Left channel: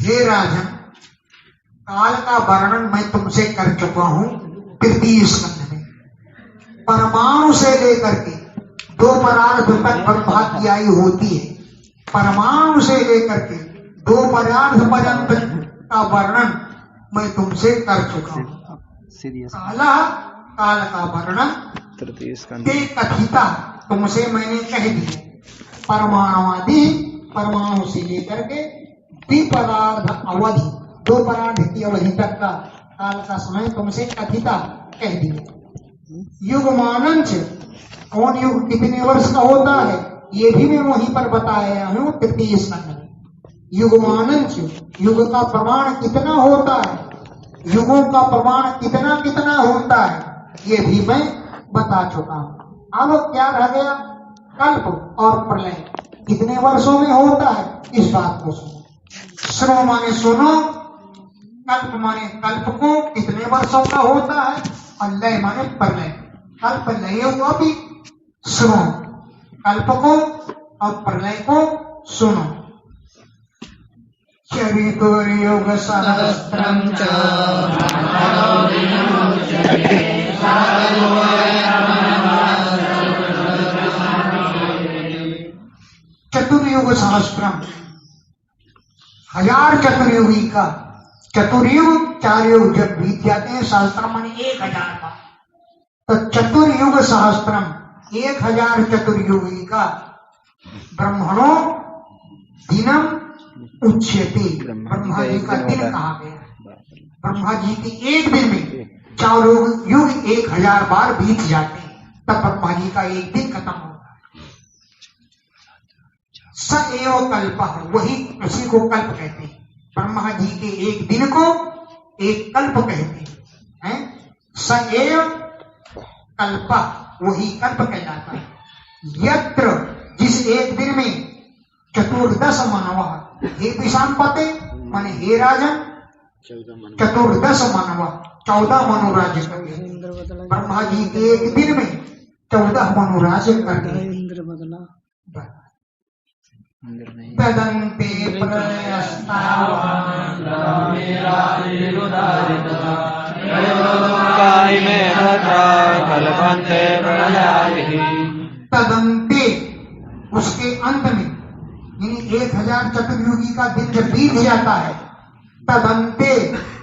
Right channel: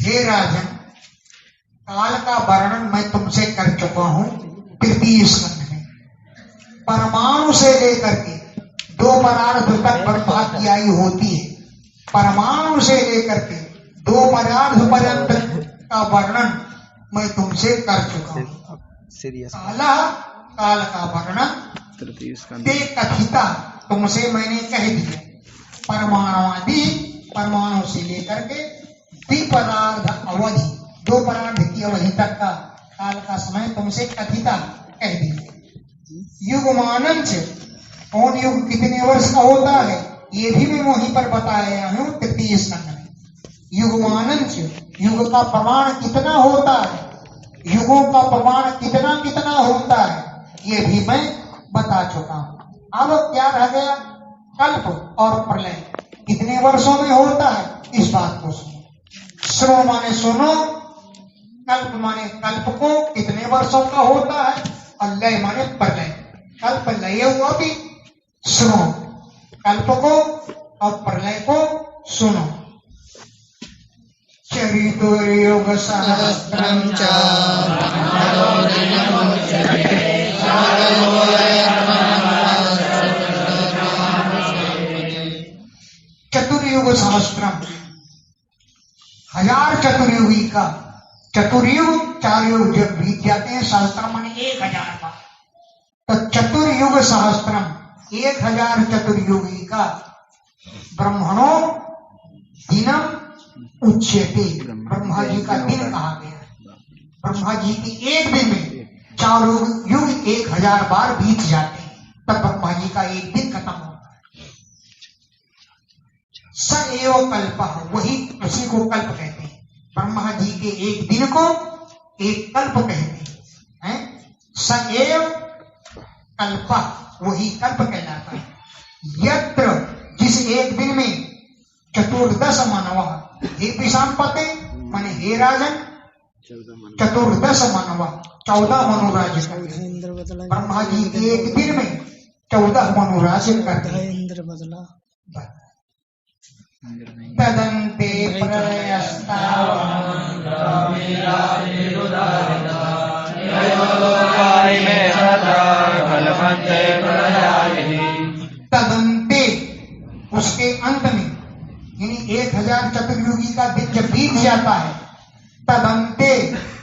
हे राजन, काल का वर्णन मैं तुमसे कर चुका हूं तृतीय स्कंध में। परमाणु से लेकर के दो परार्थ तक ब्रह्मा की आयु होती है। परमाणु से लेकर के दो परार्थ पर्यंत का वर्णन मैं तुमसे कर चुका हूं। काल का वर्णन ते कथिता तुमसे मैंने कह दिया। परमाणुवादी परमाणु से लेकर के द्विपदार्थ अवधि, दो परार्थ की अवधि तक का काल का समय तुमसे कथिता कह दिया। युगमानं च, कौन युग कितने वर्ष का होता है ये भी मैं वहीं पर बताया हूं तृतीय स्कंध में। युगमानं च, युग का प्रमाण कितना होता है, युगों का प्रमाण कितना कितना होता है ये भी मैं बता चुका हूं। अब क्या रह गया, कल्प और प्रलय कितने वर्षों में होता है, इस बात को सुनो। श्रो माने सुनो, कल्प माने कल्प को कितने वर्षों का होता है, और लय माने प्रलय। कल्प लय हुआ भी सुनो, कल्प को और प्रलय को सुनो। चरितुर्युग सहस्त्रम च चतुर्युग सहस्त्रम, 1000 चतुर्युगी का। चतुर्युग 4 युग जब बीत जाते हैं, सहस्त्रम माने 1000 बार, तो चतुर्युग सहस्त्रम 1000 चतुर्युगी का। ब्रह्मणो दिनम उच्यते, ब्रह्मा जी का दिन कहा गया। ब्रह्मा जी की एक दिन में 4 युग 1000 बार बीत जाते हैं, तब ब्रह्मा जी का एक दिन खत्म होता है। स एव कल्प, वही उसी को कल्प कहते हैं। ब्रह्मा जी के एक दिन को एक कल्प कहते हैं। स एव कल्प, वही कल्प कहलाता है। यत्र, जिस एक दिन में चतुर्दश मानव, हे विषामपते माने हे राजन, चतुर्दश मानव 14 मनुराज्य करते हैं। ब्रह्मा जी के एक दिन में 14 मनुराज्य करते हैं। तदन्ते तदन्ते, उसके अंत में, यानी 1000 चतुर्युगी का दिन जब बीत जाता है, तदन्ते,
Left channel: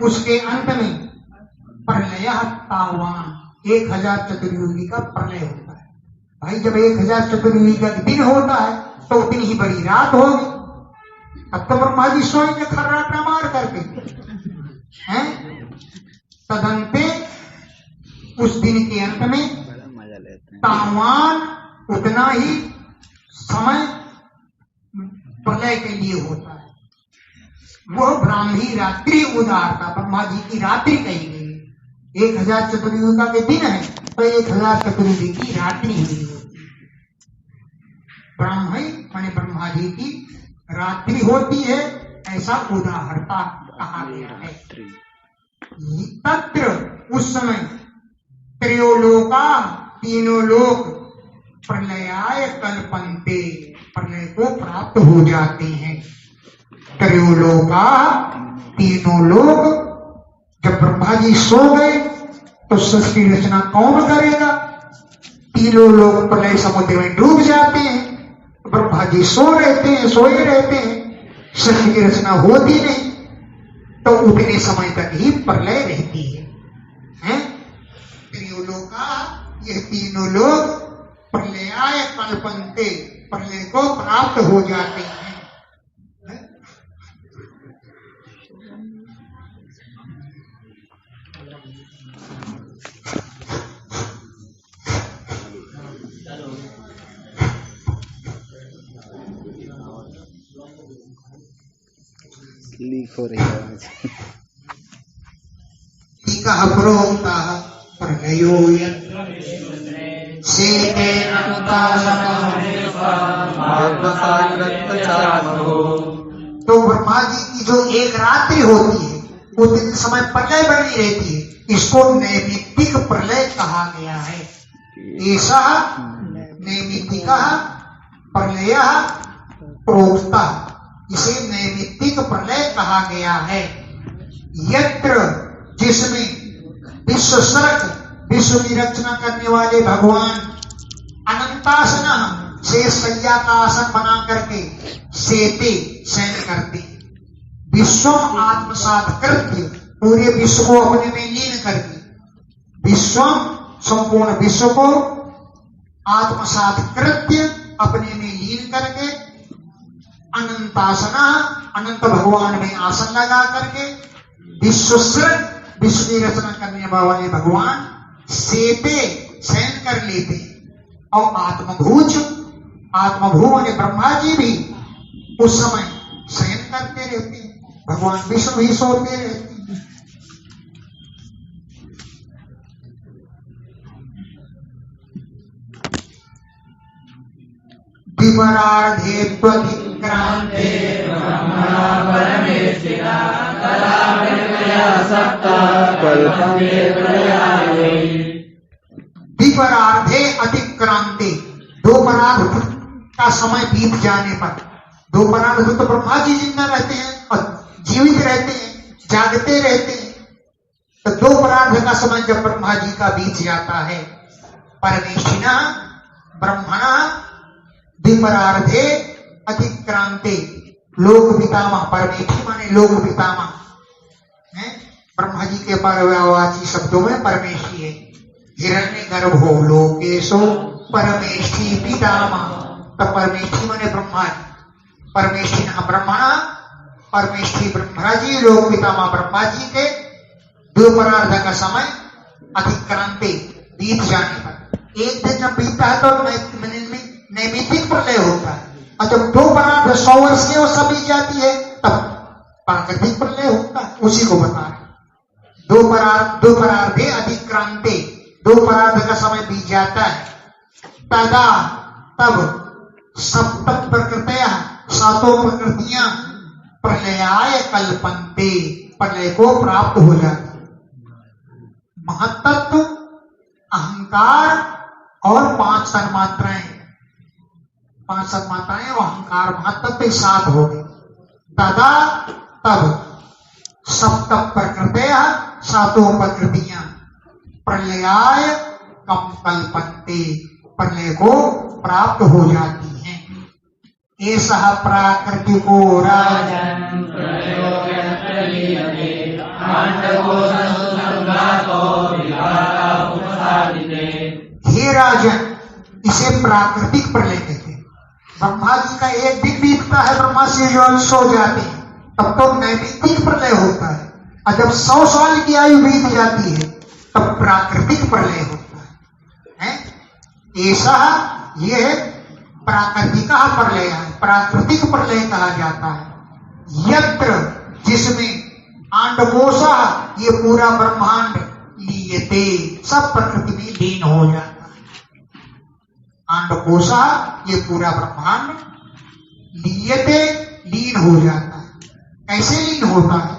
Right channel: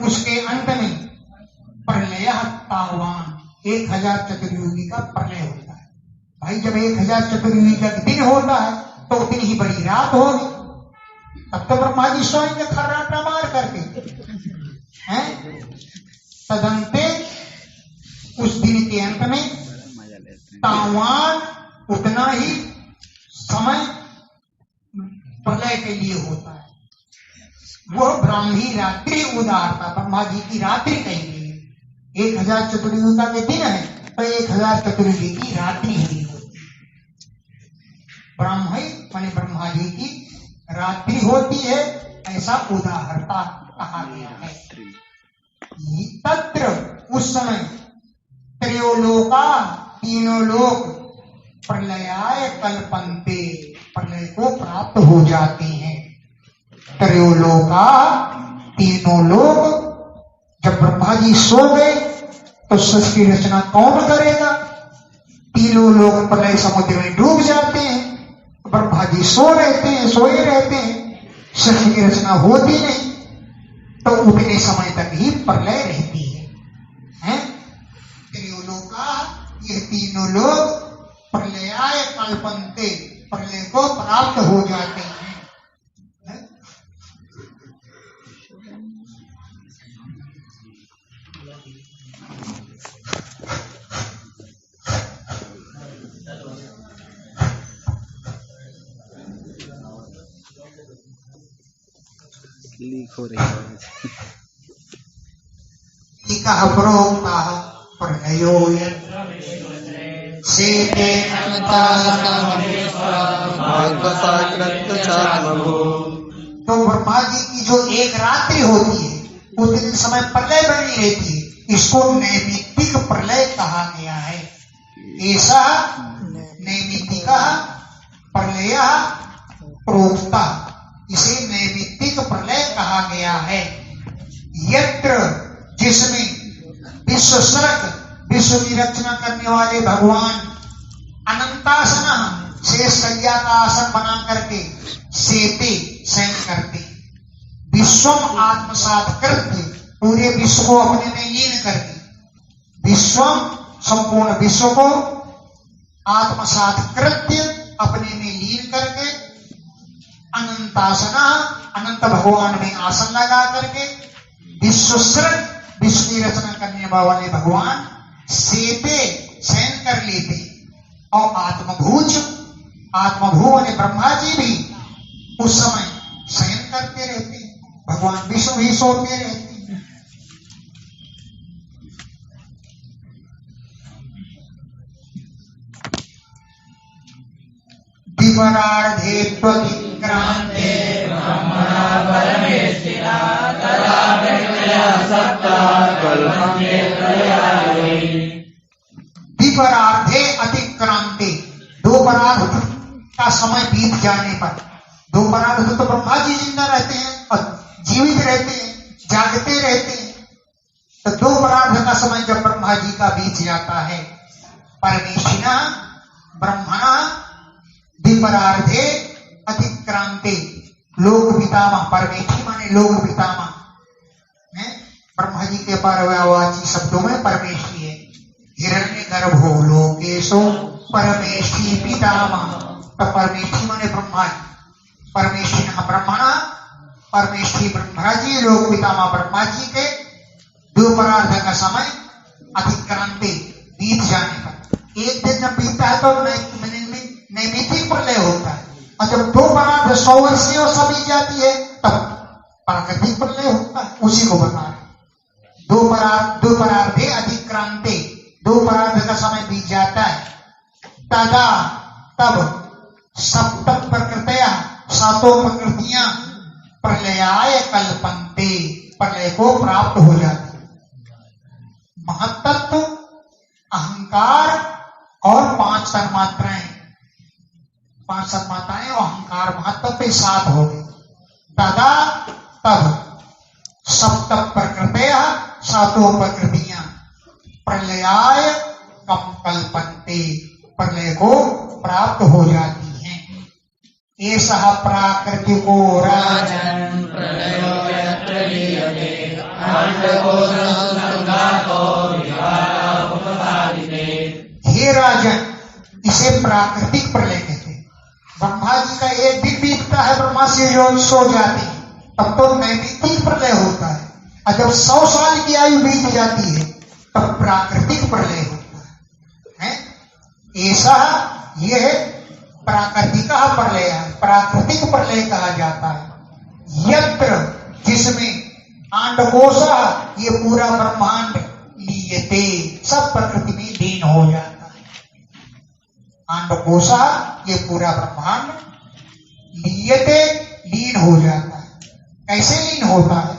उसके अंत में, प्रलय तावान, 1000 चतुर्युगी का प्रलय होता है। भाई जब 1000 चतुर्युगी का दिन होता है तो उतनी ही बड़ी रात होगी, तब तो ब्रह्मा जी सोएंगे खर्राटा मार करके हैं। तदन्ते, उस दिन के अंत में, तावान, उतना ही समय प्रलय के लिए होता है। वह ब्राह्मी रात्रि उदारता, ब्रह्मा जी की रात्रि कही गई है। 1000 चतुर्युगी का दिन है तो 1000 चतुर्युगी की रात्रि हुई होती है। ब्राह्मी माने ब्रह्मा जी की रात्रि होती है, ऐसा उदाहरता कहा गया है। तत्र, उस समय, त्रयोलोका, तीनों लोग, प्रलयाय कल्पन्ते, प्रलय को प्राप्त हो जाते हैं। त्रयोलोका, तीनों लोग, जब ब्रह्मा जी सो गए तो सृष्टि की रचना कौन करेगा। तीनों लोग प्रलय समुद्र में डूब जाते हैं, ब्रह्मा जी सोए रहते हैं, सृष्टि की रचना होती नहीं, तो उतने समय तक ही प्रलय रहती है। त्रियोलोका, ये तीनों लोग, प्रलयाय कल्पन्ते, प्रलय को प्राप्त हो जाते हैं। लीक हो रही है। टीका प्रोक्ता प्रलयो तो ब्रह्मा जी की जो एक रात्रि होती है उतने समय प्रलय बनी रहती है, इसको नैमित्तिक प्रलय कहा गया है। ऐसा नैमित्तिक प्रलय प्रोक्ता, इसे नैमित्तिक प्रलय कहा गया है। यत्र, जिसमें विश्व सर्ग, विश्व की रचना करने वाले भगवान अनंतासन से सैया का आसन बना करके सेते शयन करते, विश्वम आत्मसात करके पूरे विश्व को अपने में लीन करके, विश्वम संपूर्ण विश्व को आत्मसात कृत्य अपने में लीन करके, अनंतासना अनंत भगवान में आसन लगा करके, विश्वसृत विश्व की रचना करने वाले भगवान सेते शयन कर लेते, और आत्मभूज आत्मभू वाले ब्रह्मा जी भी उस समय शयन करते रहते हैं, भगवान विष्णु भी सोते रहते हैं। विपरार्धे त्वतिक्रांते ब्रह्मणा परमेष्ठिना तदा प्रलया सप्ता कल्पन्ते प्रलयाय। विपरार्धे अतिक्रांते, दो परार्ध का समय बीत जाने पर, दो परार्ध तो ब्रह्मा जी जिंदा रहते हैं और जीवित रहते हैं, जागते रहते हैं, तो दो परार्ध का समय जब ब्रह्मा जी का बीत जाता है, परमेष्ठिना ब्रह्मणा विपरार्धे अतिक्रांते, लोक पितामह, परमेष्ठी माने लोक पितामह है, ब्रह्मा जी के पर्यायवाची शब्दों में परमेष्ठी है। हिरण्यगर्भो लोकेशो परमेष्ठी पितामह, तो परमेष्ठी माने ब्रह्मा जी, परमेष्ठी न ब्रह्मणा, परमेष्ठी ब्रह्मा जी, लोक पितामह ब्रह्मा जी के द्विपरार्ध का समय अतिक्रांति बीत जाने पर, एक दिन जब बीतता है तो नैमित्तिक प्रलय होता है, और जब दो परार्ध 100 वर्ष की वर्षा बीत जाती है तब प्राकृतिक प्रलय होता है, उसी को बता रहे। दो परार्धे अतिक्रांते, दो परार्ध का समय बीत जाता है, तदा तब सप्तम प्रकृतया, सातों प्रकृतियां प्रलयाय कल्पन्ते, प्रलय को प्राप्त हो जाती। महत्तत्व, अहंकार और 5 तन्मात्राएं, 5 तन्मात्राएं और अहंकार महत्तत्व 7 हो गए। तदा तब सप्तम प्रकृतया, सातों प्रकृतियां प्रलयाय कम कल्पन्ते, प्रलय को प्राप्त हो जाती हैं। ऐसा प्राकृतिको राजन् हे राजन, इसे प्राकृतिक प्रलय कहते हैं। ब्रह्मा जी का एक दिन बीतता है, ब्रह्मा से जो सो जाते हैं, तब तो नैमित्तिक प्रलय होता है, और जब 100 साल की आयु बीत जाती है तब प्राकृतिक प्रलय होता है। ऐसा यह प्राकृतिक प्रलय है, प्राकृतिक प्रलय कहा जाता है। यत्र, जिसमें अंडकोशा, ये पूरा ब्रह्मांड लीयते, सब प्रकृति में लीन हो जाता है। अंडकोशा, ये पूरा ब्रह्मांड लीयते, लीन हो जाता है। कैसे लीन होता है?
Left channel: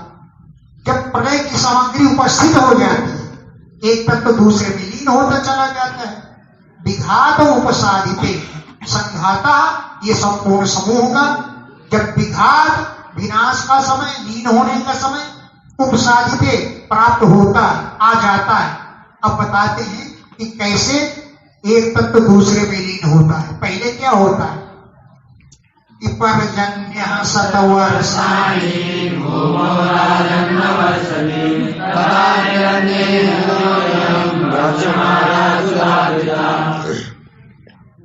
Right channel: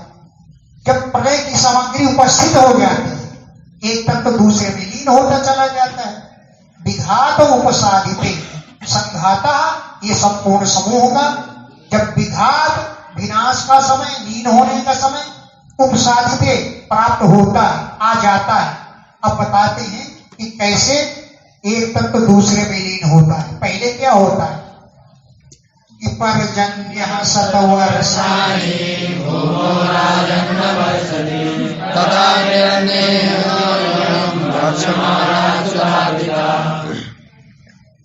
जब प्रलय की सामग्री उपस्थित हो जाती है, एक तत्व दूसरे में लीन होता चला जाता है। विघात उपसादिते, संघाता, ये संपूर्ण समूह का जब विघात, विनाश का समय, लीन होने का समय, उपसादिते प्राप्त होता है, आ जाता है। अब बताते हैं कि कैसे एक तत्व दूसरे में लीन होता है। पहले क्या होता है? पर्जन्य शतवर्षाणि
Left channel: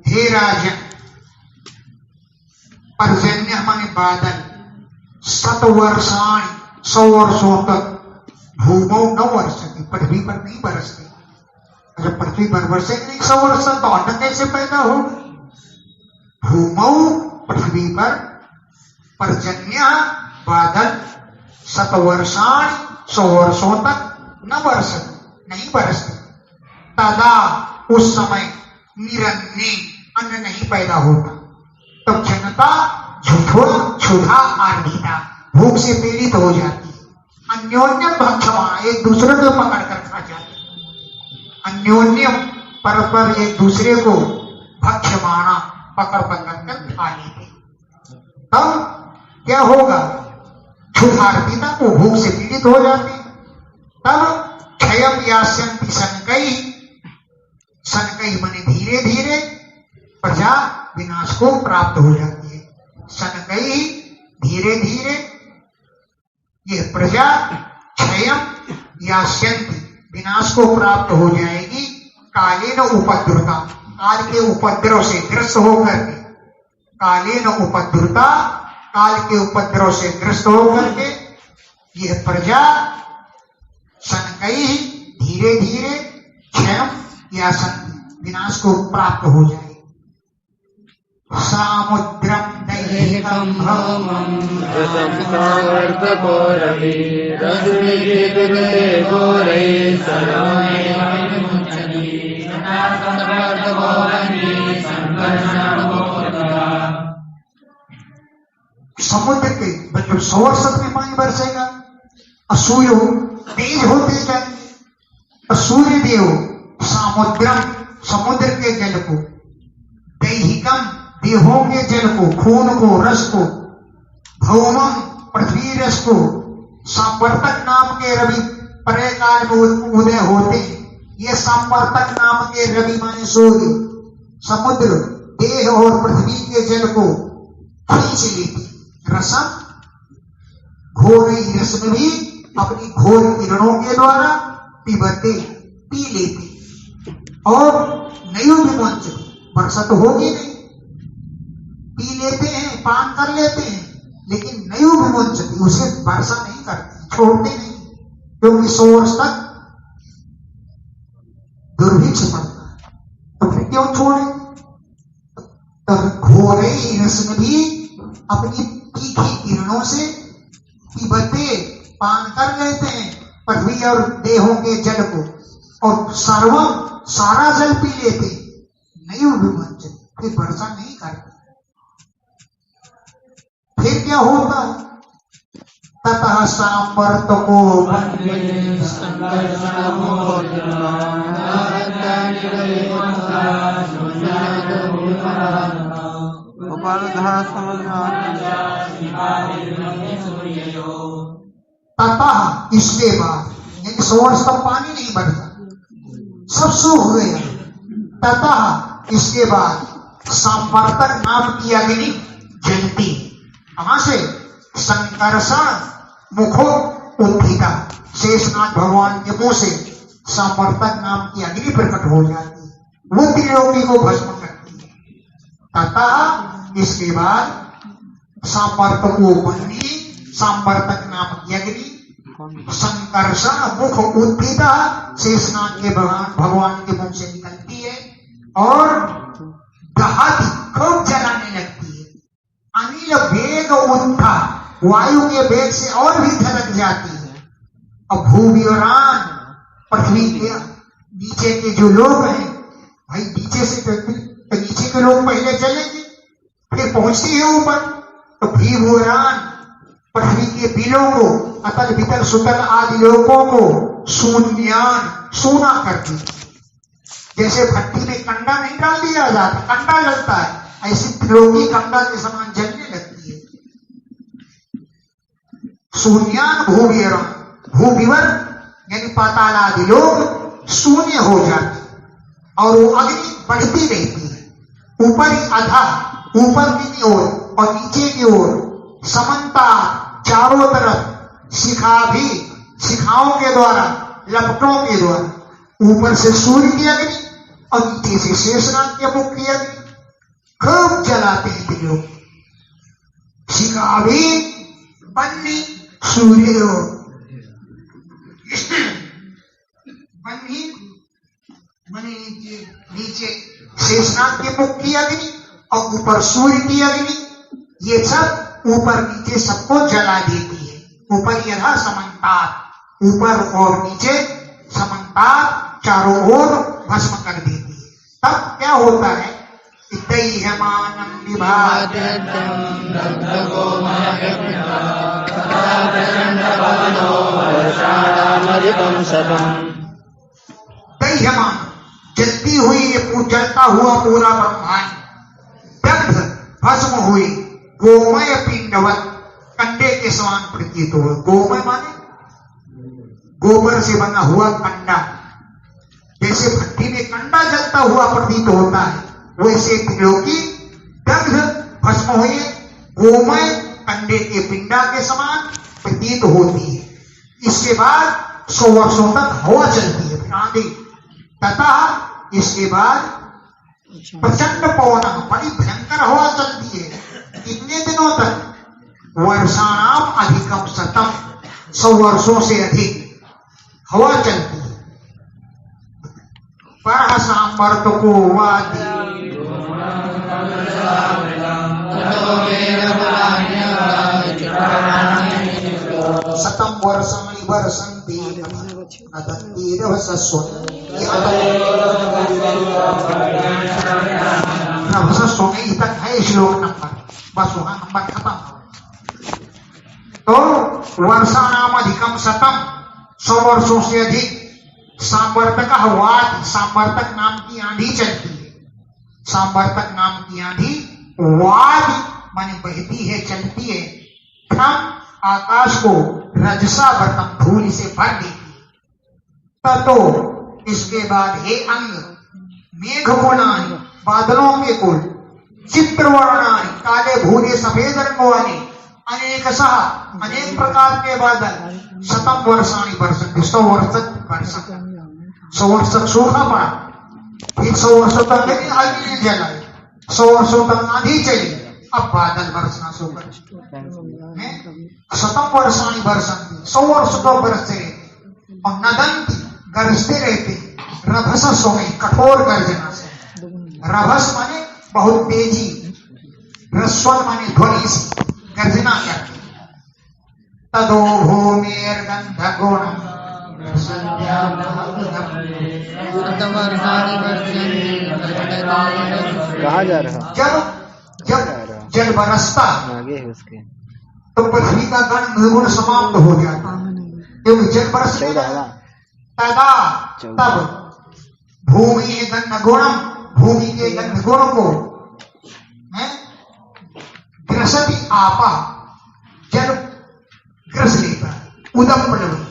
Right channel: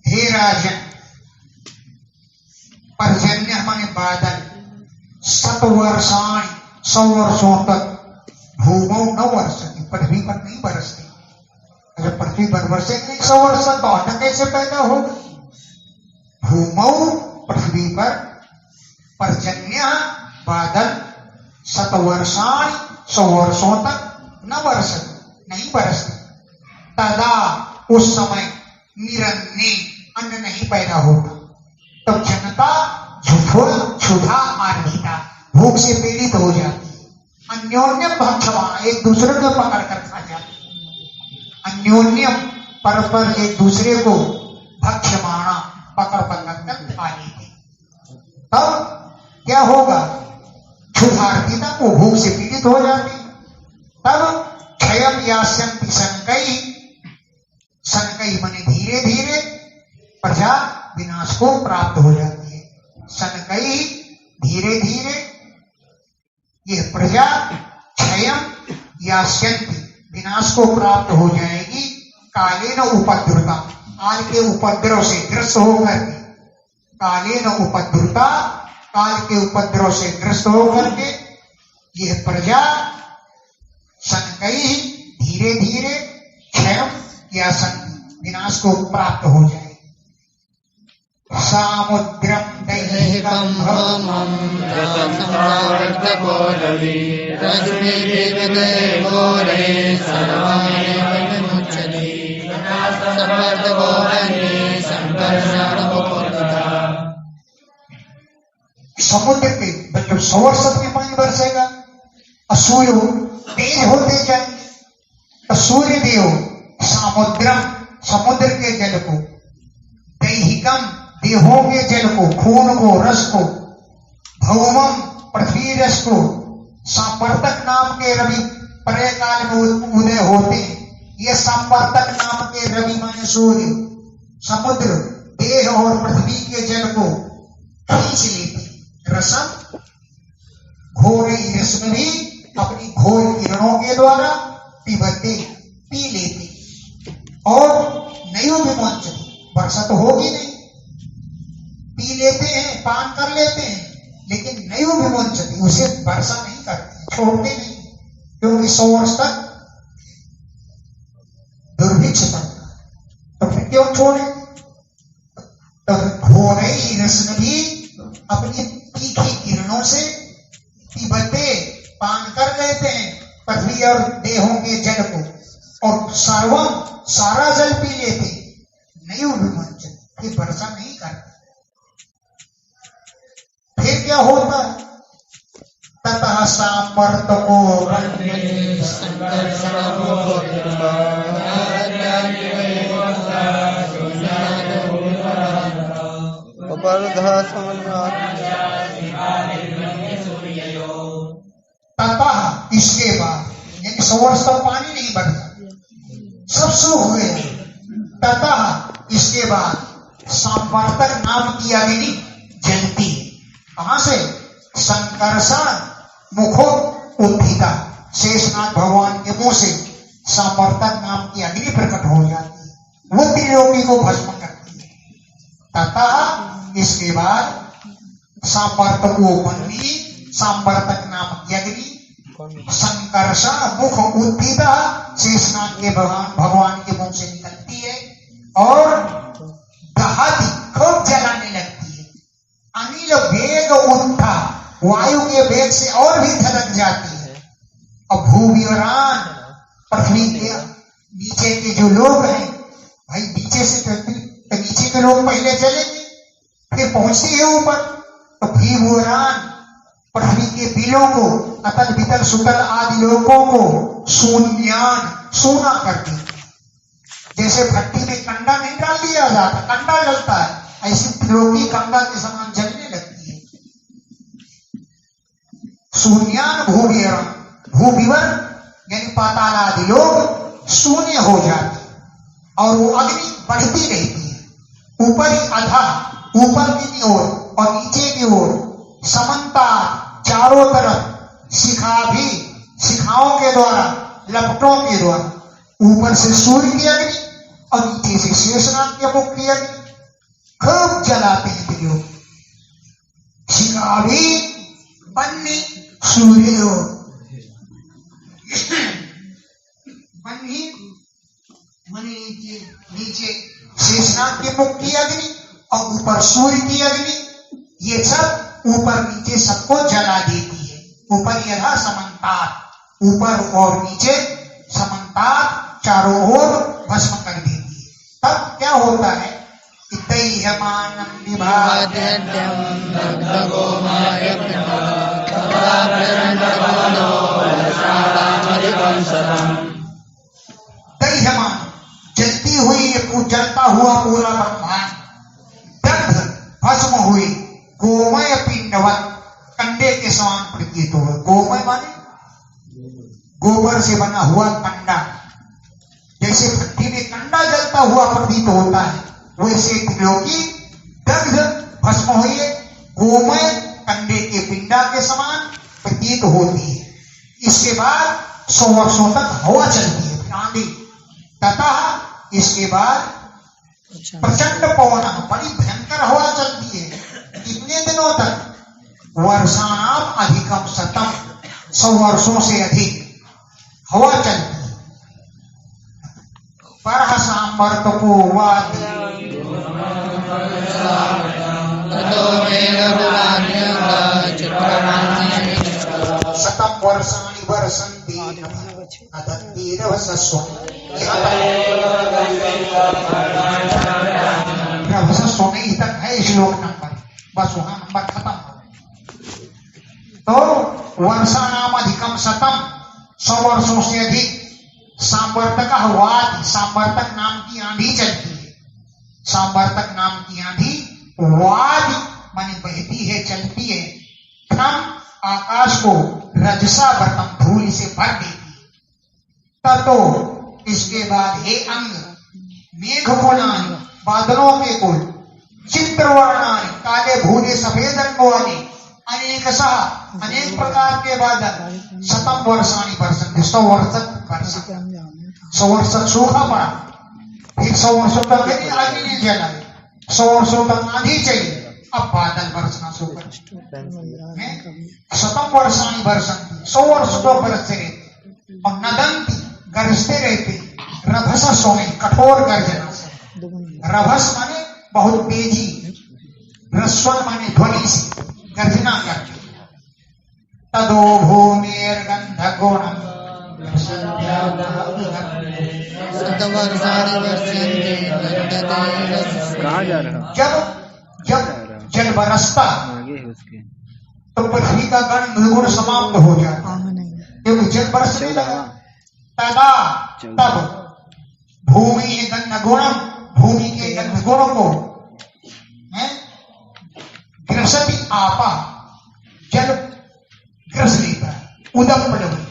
हे राजन, पर्जन्य माने बादल, 100 वर्षाणि 100 वर्षों तक, भूमौ न वर्षति, पृथ्वी पर नहीं बरसती। अगर पृथ्वी पर बरसेंगे 100 वर्ष तक तो अन्न कैसे पैदा होगा? भूमौ, पृथ्वी पर, पर्जन्य बादल, 100 वर्षाणि 100 वर्षों तक न बरसति, नहीं बरसती। तदा, उस समय, निरन्ने, अन्न नहीं पैदा होता, तब जनता क्षुधा आर्धिता, भूख से पीड़ित हो जाती है, अन्योन्यम भक्षमाण, एक दूसरे को पकड़ कर खा जाते, अन्योन्यम परस्पर एक दूसरे को भक्षमाणा पकड़ पकड़ कर खा लेते। तब क्या होगा, क्षुधार्थिता को भूख से पीड़ित हो जाते। तब क्षयम यास्यन्ति शनकई, शनकई माने धीरे धीरे प्रजा विनाश को प्राप्त हो जाती है। शनकई धीरे धीरे ये प्रजा क्षयम यास्यन्ति विनाश को प्राप्त हो जाएगी। कालेन उपद्रुता, काल के उपद्रव से ग्रस्त होकर के, कालेन उपद्रुता, काल के उपद्रव से ग्रस्त होकर के यह प्रजा शनकई धीरे धीरे क्षयम या विनाश को प्राप्त हो जाए। सामुद्रम दैहिकं भौमं रसं सावर्धको रवि रश्मिभिर्विदे घोरे सर्वमेव विमुच्यते सावर्धको वह्नि संकर्षणको तथा। समुद्र के जब 100 वर्ष में पानी बरसेगा और सूर्य तेज होते जाएंगे, और सूर्य देव समुद्रम समुद्र के जल को, दैहिकम देहों के जल को, खून को, रस को, भौमम पृथ्वी रस को, संवर्तक नाम के रवि प्रलय काल में उदय होते हैं। ये संवर्तक नाम के रवि माने सूर्य समुद्र देह और पृथ्वी के जल को खींच लेते। रसम घोर रश्मि भी अपनी घोर किरणों के द्वारा पिबते पी लेते। और नयो विमोचन, वर्षा तो होगी नहीं, पी लेते हैं, पान कर लेते हैं, लेकिन नयो विमोचन उसे वर्षा नहीं करते, छोड़ते नहीं, क्योंकि 100 वर्ष तक दुर्भिक्ष पड़ता है, तो फिर क्यों छोड़े। तब घोर रश्मि भी अपनी तीखी किरणों से पिबते पान कर लेते हैं पृथ्वी और देहों के जल को, और सर्वम सारा जल पी लेते, नयो विमोचन, फिर वर्षा नहीं करते। फिर क्या होता है, ततः सांवर्तको वह्नि संकर्षणको ततः इसके बाद, यानी 100 वर्ष तक पानी नहीं बढ़ता, सब सूख गया। ततः इसके बाद संवर्तक नाम की अग्नि जलती। कहां से, संकर्षण मुखो उत्थिता, शेषनाग भगवान के मुंह से संवर्तक नाम की अग्नि प्रकट हो जाती है, वो त्रिलोकी को भस्म करती है। ततः इसके बाद संवर्तको वह्नि, संवर्तक नाम की अग्नि, संकर्षण मुख उत्थिता, शेषनाग के भगवान के मुंह से निकलती है और दहती, खूब जलाने लगती है। अनिल वेग उत्था, वायु के वेग से और भी धधक जाती है। अब भूविवरान, पृथ्वी के नीचे के जो लोग हैं, भाई नीचे से तो नीचे के लोग पहले चलेंगे, फिर पहुंचते हैं ऊपर, तो भूविवरान पृथ्वी के बिलों को, अतल वितल सुतल आदि लोगों को शून्यान, सूना करती। जैसे भट्टी में कंडा नहीं डाल दिया जाता, कंडा जलता है, ऐसी त्रिलोकी कंडा के समान जलने लगती है। शून्यान भूविवरण, भूविवर यानी पाताल आदि लोग शून्य हो जाते, और वो अग्नि बढ़ती रहती है, ऊपर ही अधा, ऊपर की ओर और नीचे की ओर, समन्ता चारों तरफ, शिखा भी, शिखाओं के द्वारा, लपटों के द्वारा, ऊपर से सूर्य की अग्नि और नीचे से शेषनाग के मुख की अग्नि खूब जलाते हैं त्रिलोक। शिखा भी बन्नी सूर्य बन्नी मने नीचे शेषनाग के मुख की अग्नि और ऊपर सूर्य की अग्नि, ये सब ऊपर नीचे सबको जला देती है। ऊपर यथा समन्तात, ऊपर और नीचे समन्तात, चारों ओर भस्म कर देती है। तब क्या होता है, दैह्यमानं विभाति सदा प्रचंड पवनो वर्षाणामधिकं शतम्। दह्यमान जलती हुई जलता हुआ पूरा ब्रह्मांड दग्ध भस्म हुई गोमय पिंडवत कंडे के समान प्रतीत हुआ। गोमय माने गोबर से बना हुआ कंडा, जैसे भट्टी में कंडा जलता हुआ प्रतीत होता है, वैसे त्रिलोकी दग्ध भस्म हुई गोमय कंडे के पिंडा के समान प्रतीत होती है। इसके बाद 100 वर्षों तक हवा चलती है, फिर आंधी, तथा इसके बाद प्रचंड पवन, बड़ी भयंकर हवा चलती है। कितने दिनों तक? वर्षाणाम अधिकम शतम, 100 वर्षों से अधिक हवा चलती है। परहसामर्तको वादी शतम वर्षाणि वर्षन्ति नहीं तक है श्लोक नंबर, बस वहां नंबर खत्म। तो वर्षाणाम अधिकम शतम, 100 वर्षों से अधिक। सांवर्तक वाद, सांवर्तक नाम की आंधी चलती है। सांवर्तक नाम की आंधी वाद माने बहती है, चलती है। हम आकाश को रजसा वर्तम धूल से भर देती है। ततो इसके बाद हे अंग मेघ कुलानि, बादलों के कुल, चित्रवर्णानि, काले भूरे सफेद रंग वाले, अनेक सह, अनेक प्रकार के बादल, शतम वर्षाणि वर्षन्ति, 100 वर्ष वर्षा, 100 वर्ष तक सूखा पड़ा, फिर 100 वर्षों तक आगे नहीं जलाई, 100 वर्षों तक आंधी चली, अब बादल बरसना शुरू कर। शतम वर्षाणि वर्षन्ति, 100 वर्ष तो बरसते रहते, और नदंती, गरजते रहते, रभस सोमे, कठोर गर्जना से। रभस माने बहुत तेजी, रस्वन माने ध्वनि से गर्जना करते। तदो भूमिर्गंध गुणम कहाँ जा रहा? जब जल बरसता आगे है उसके। तो पृथ्वी का गंध गुण समाप्त हो जाता, क्योंकि जल बरसने लगा। तदा तब भूमि गंध गुणम, भूमि के गंध गुण को ग्रसति आपा, जल ग्रस लेता है। उदम पलवी,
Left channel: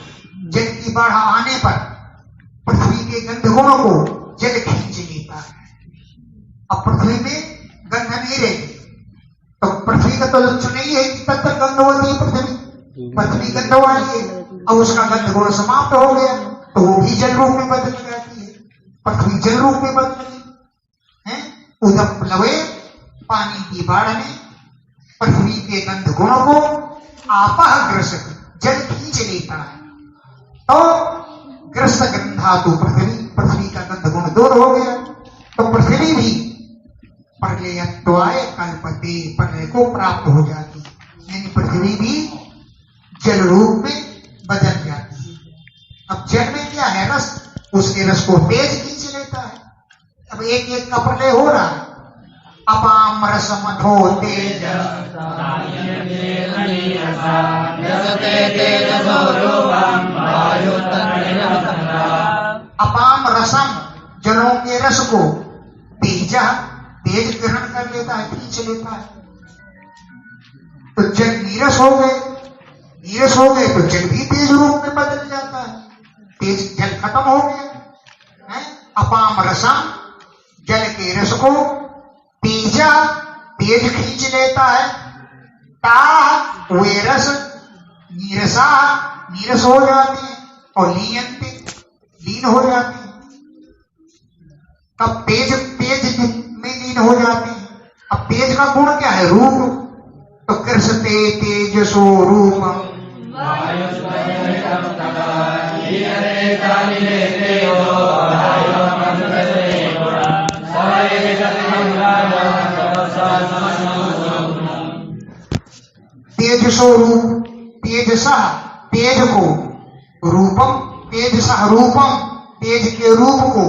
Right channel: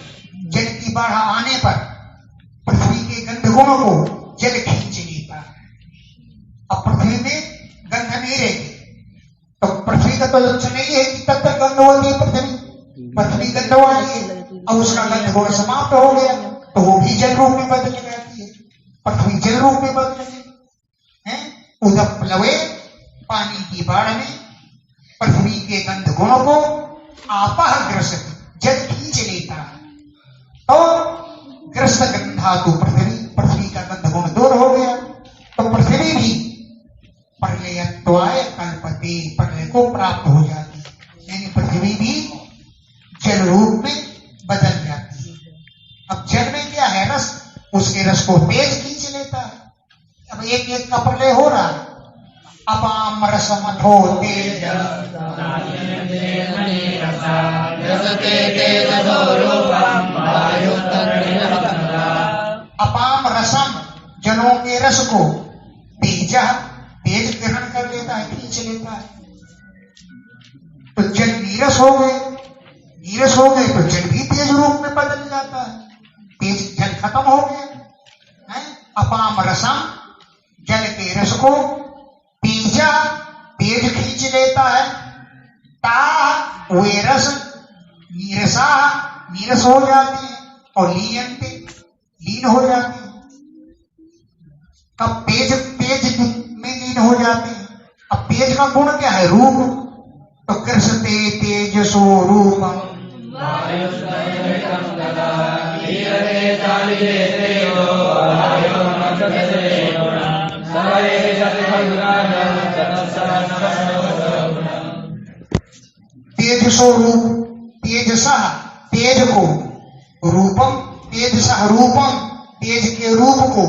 जल की बाढ़ आने पर पृथ्वी के गंध गुणों को जल खींच लेता है। अब पृथ्वी में गंध नहीं रहेगी, तो पृथ्वी का तो लक्षण नहीं है कि तब तक गंध होती है पृथ्वी, पृथ्वी गंध वाली है। अब उसका गंध गुण समाप्त हो गया, तो वो भी जल रूप में बदल जाती है, पृथ्वी जल रूप में बदल है। उदम प्लवे, पानी की बाढ़ में पृथ्वी के गंध गुणों को आपह ग्रसित, जल खींच लेता है। तो ग्रस्त गंधातु पृथ्वी, पृथ्वी का गंध गुण दूर हो गया, तो पृथ्वी भी प्रलयत्वाय कल्पते, प्रलय को प्राप्त हो जाती है, यानी पृथ्वी भी जल रूप में बदल जाती है। अब जल में क्या है? रस, उसके रस को तेज खींच लेता है। अब एक एक का प्रलय हो रहा है। अपाम रसमथो तेज, अपाम रसम, जलों के रस को, तेज, तेज ग्रहण कर लेता है, खींच लेता है। तो जल नीरस हो गए, नीरस हो गए तो जल भी तेज रूप में बदल जाता है, तेज जल खत्म हो गया है। अपाम रसम, जल के रस को, तेजा, तेज खींच लेता है। ता, वे रस, नीरसा, नीरस हो जाती है, और लीयंते, लीन हो जाती है। तब तेज, तेज में लीन हो जाती है। अब तेज का गुण क्या है? रूप, तो कृष्णते तेजसो रूपम, तेजसो रूप, तेजसः, तेज को, रूपम, तेजसः रूपम, तेज के रूप को,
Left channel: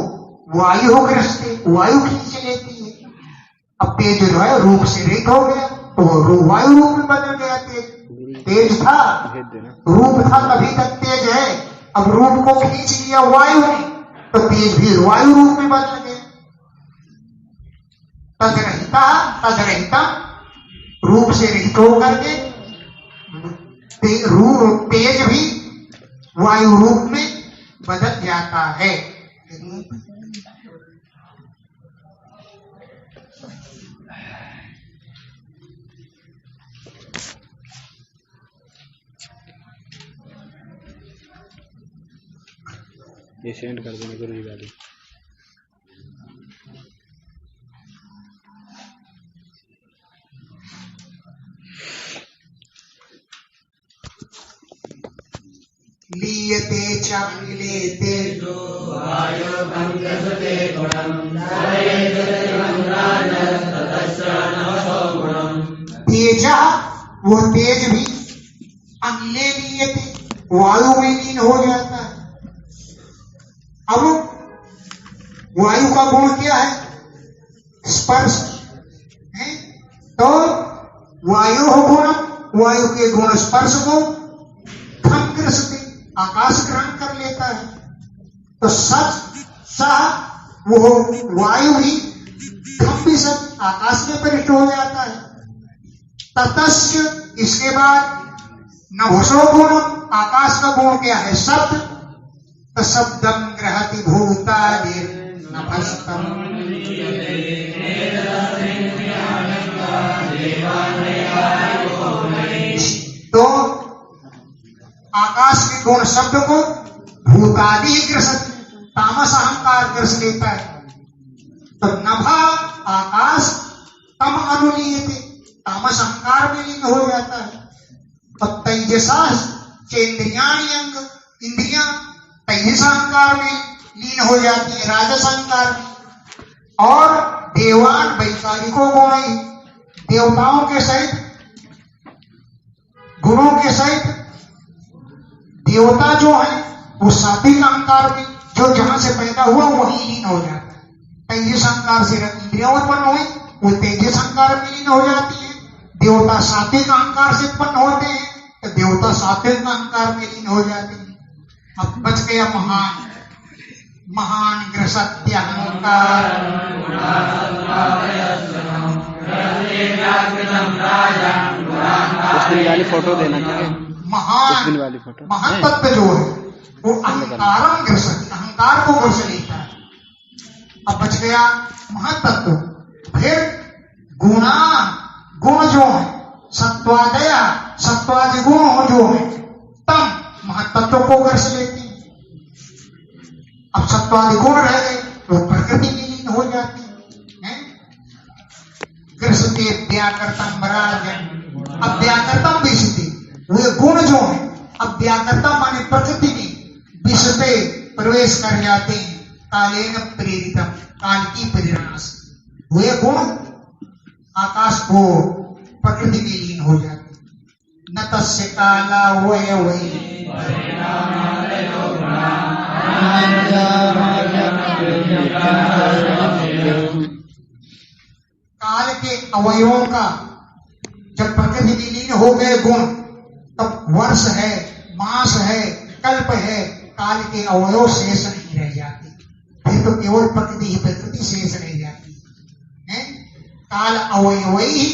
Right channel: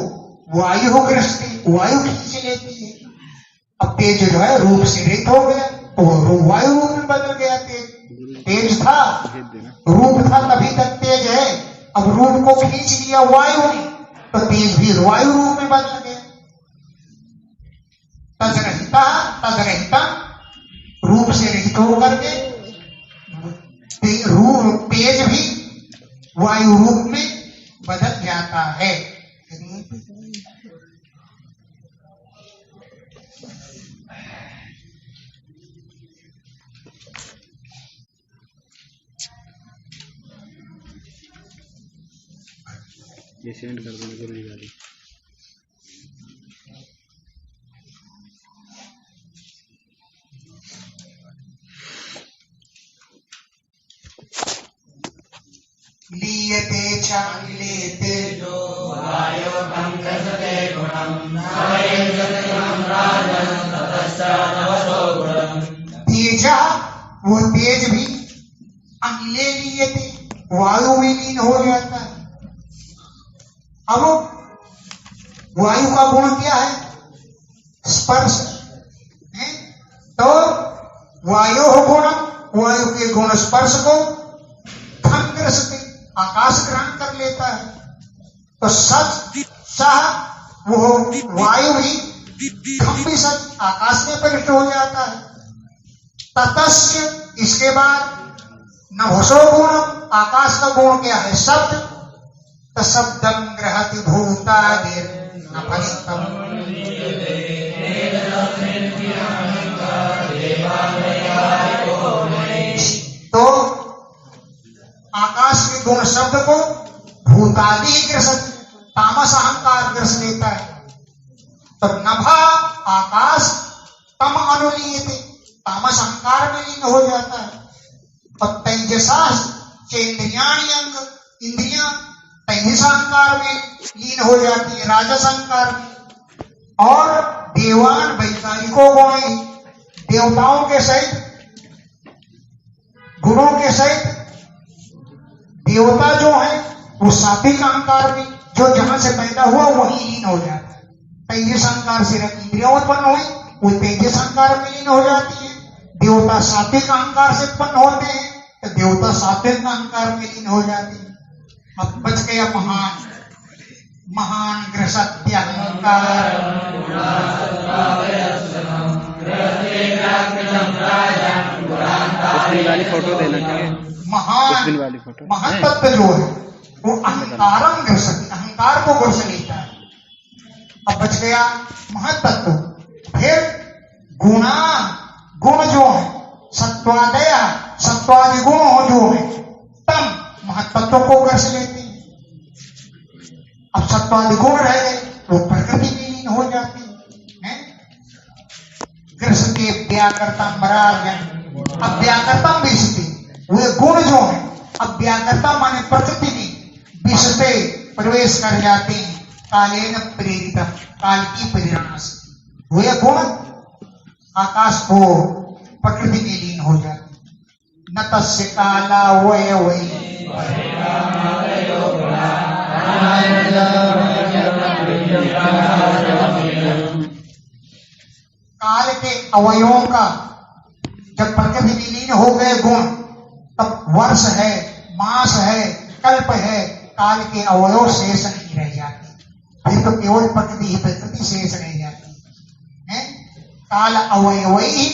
वायु ग्रस्ते, वायु खींच लेती है। अब तेज जो है रूप से रहित हो गया, तो वो वायु रूप में बदल गया तेज। तेज था, भेज देना। रूप था तभी तक तेज है। अब रूप को खींच लिया वायु ने तो तेज भी वायु रूप में बदल गया। तजरहिता तजरहितम, रूप से रहित होकर के तेज भी वायु रूप में बदल जाता है। ये सेंड कर देना जरूर वाली। लीयते च लीयते जो वायो भंगसते गुणं सायेजतिमं राजं ततस्य नवसो गुणं। तेजा, वो तेज भी अनिले लीयते, वायु में लीन हो जाता है। अब वायु का गुण क्या है? स्पर्श है। तो वायु गुण, वायु के गुण स्पर्श को ग्रसते, आकाश ग्रहण कर लेता है। तो सच सह वो वायु ही भी सच आकाश में प्रविष्ट हो जाता है। ततस्य, इसके बाद नभसो गुणम, आकाश का गुण क्या है? शब्द। शब्दम ग्रहति भूतादिर नभस्तम। तो आकाश के गुण शब्द को भूतादि ग्रसत, तामस अहंकार ग्रस लेता है। तो नभा आकाश, तम अनुलीयते, तामस अहंकार में लीन हो जाता है। और तेजसा चेन्द्रियाणि अंग, इंद्रियां तेजस अहंकार में लीन हो जाती है, राजस अहंकार में। और देवान वैचारिको गुण, देवताओं के सहित गुणों के सहित देवता जो है वो सात्विक अहंकार में, जो जहां से पैदा हुआ वही लीन हो जाता है। तेजस अहंकार से इंद्रियां उत्पन्न हुई, वो तेजस अहंकार में लीन हो जाती है। देवता सात्विक अहंकार से उत्पन्न होते हैं तो देवता सात्विक अहंकार में लीन हो जाते हैं। अब बच गया महान, महान ग्रसत्य अहंकार। उसमें वाली फोटो देना क्या है? महान वाली फोटो, महान तत्व जो है वो अहंकारम ग्रसति, अहंकार को ग्रस लेता है। अब बच गया महत्त्व। फिर गुणा, गुण जो है सत्वादय, सत्वादि गुण जो है तम, महत्त्व को ग्रस लेते हैं। अब सत्वादि गुण रह गए वो प्रकृति में लीन हो जाते हैं। ग्रसते व्याकृतम राजन, अब व्याकृतम विशते, वे गुण जो है अब व्याकृतम माने प्रकृति में विशते प्रवेश कर जाते हैं। कालेन प्रेरितम, काल की प्रेरणा से वे गुण आकाश को प्रकृति में लीन हो जाते हैं। न तस्य काला वय वै, काल के अवयवों का जब प्रकृति में लीन हो गए गुण, तब वर्ष है, मास है, कल्प है, काल के अवयव शेष नहीं रह जाते। फिर तो केवल प्रकृति ही प्रकृति शेष रह जाती है। काल अवयवई,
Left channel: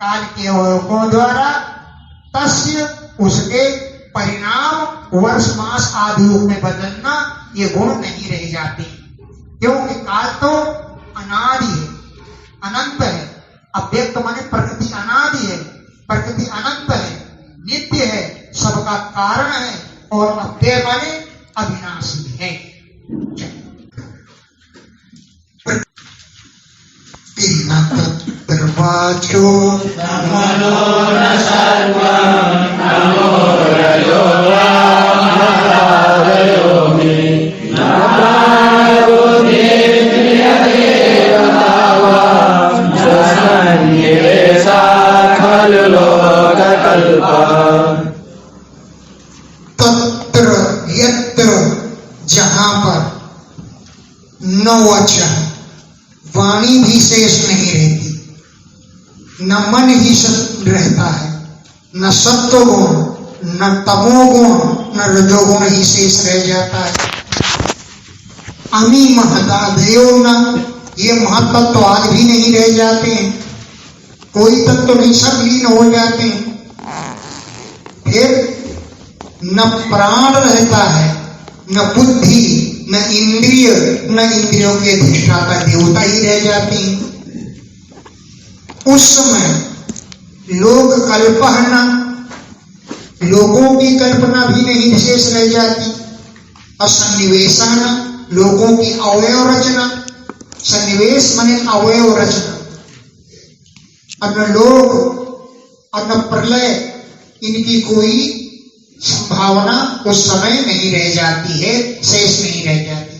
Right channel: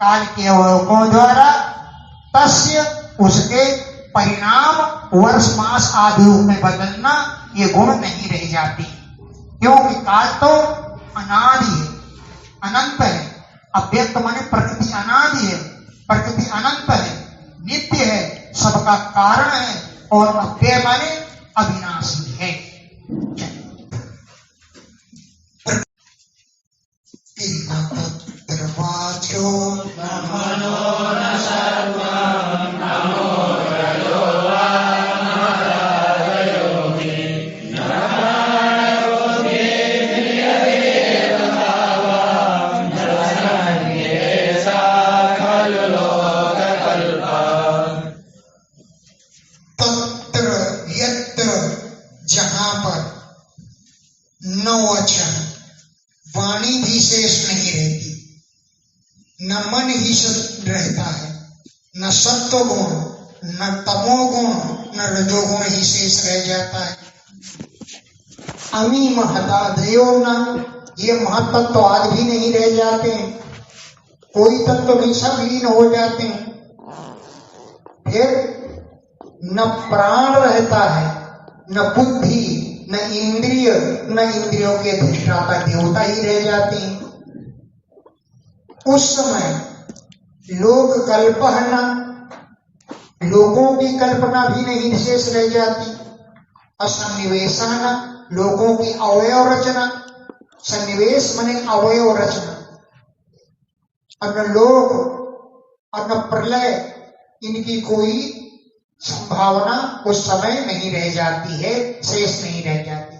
काल के अवयवों द्वारा तस्य, उसके परिणाम वर्ष मास आदि में बदलना, ये गुण नहीं रह जाते। क्योंकि काल तो अनादि है, अनंत है। अव्यक्त माने प्रकृति अनादि है, प्रकृति अनंत है, नित्य है, सबका कारण है। और अव्यय माने अविनाशी है। वाचो तत्र यत्र, जहां पर न वचन, वाणी भी शेष नहीं रहती, न मन ही रहता है, न सत्वगुण, न तमोगुण, न रजोगुण ही शेष रह जाता है। अमी महदादयो न, ये महत्व तो आज भी नहीं रह जाते हैं, कोई तत्व तो नहीं, सब लीन हो जाते हैं। फिर न प्राण रहता है, न बुद्धि, न इंद्रिय, न इंद्रियों के अधिष्ठाता देवता ही रह जाते हैं। उस समय लोक कल्पना, लोगों की कल्पना भी नहीं शेष रह जाती। असन्निवेशन, लोगों की अवयव रचना, सन्निवेश माने अवयव रचना, और लोक और प्रलय, इनकी कोई संभावना उस समय नहीं रह जाती है, शेष नहीं रह जाती।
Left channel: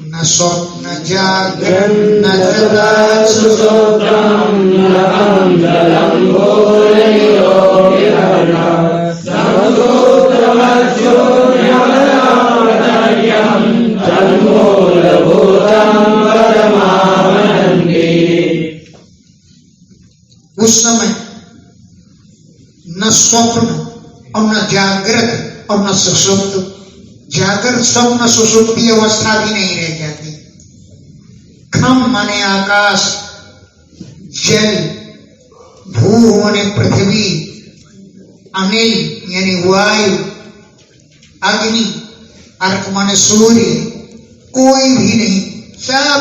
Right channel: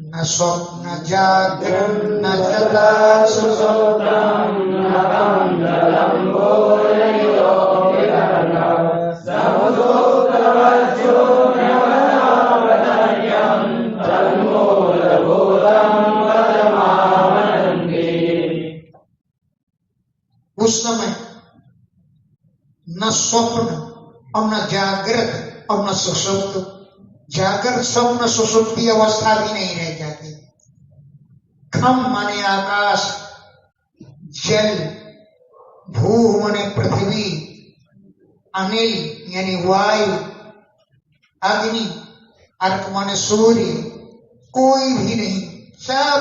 न स्वप्न जागरण न जगत सुषुप्तम्, न कं जलं भूलयो विहरन्, समदूतवज्जो न्यवनावतर्यं, तन्मूलभूतं परमानन्दे। उस समय न स्वप्न और न जागृत और न सुषुप्त, जागृत स्वप्न सुषुप्ति अवस्था भी नहीं रह जाती। खम माने आकाश, जल, भू माने पृथ्वी, अनिल यानी वायु, अग्नि, अर्क माने सूर्य, कोई भी नहीं, सब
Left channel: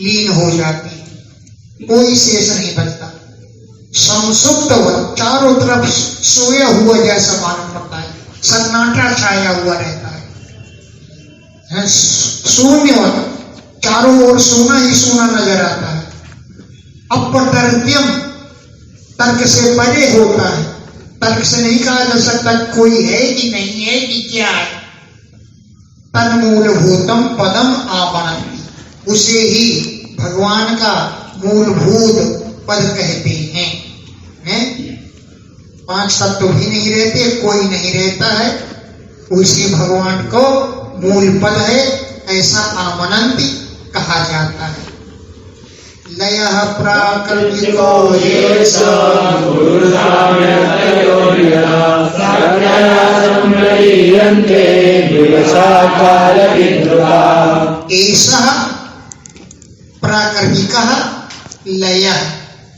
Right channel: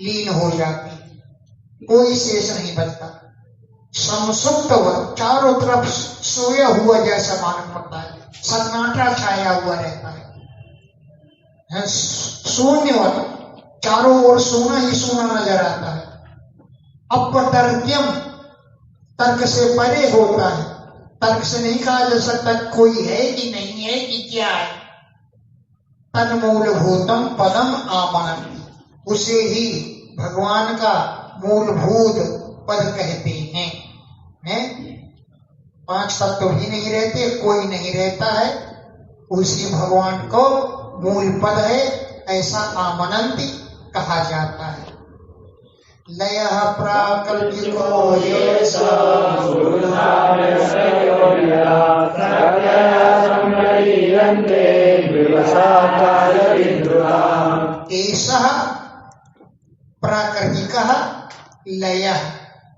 लीन हो जाती, कोई शेष नहीं बचता। संसुप्त चारों तरफ सोया हुआ जैसा मालूम पड़ता है, सन्नाटा छाया हुआ रहता है, शून्यवत, चारों ओर सोना ही सोना नजर आता है। अपतर्क्यम, तर्क से परे होता है, तर्क से नहीं कहा जा सकता कोई है कि नहीं है कि क्या है। तन्मूलभूतम पदम आपनन्ति, उसे ही भगवान का मूलभूत पद कहते हैं। पांच तत्व भी नहीं रहते, कोई नहीं रहता है, उसी भगवान को मूल पद है, ऐसा आमनंति कहा जाता है। लयः प्राकृतिको येष एषः प्राकृतिकः लयः,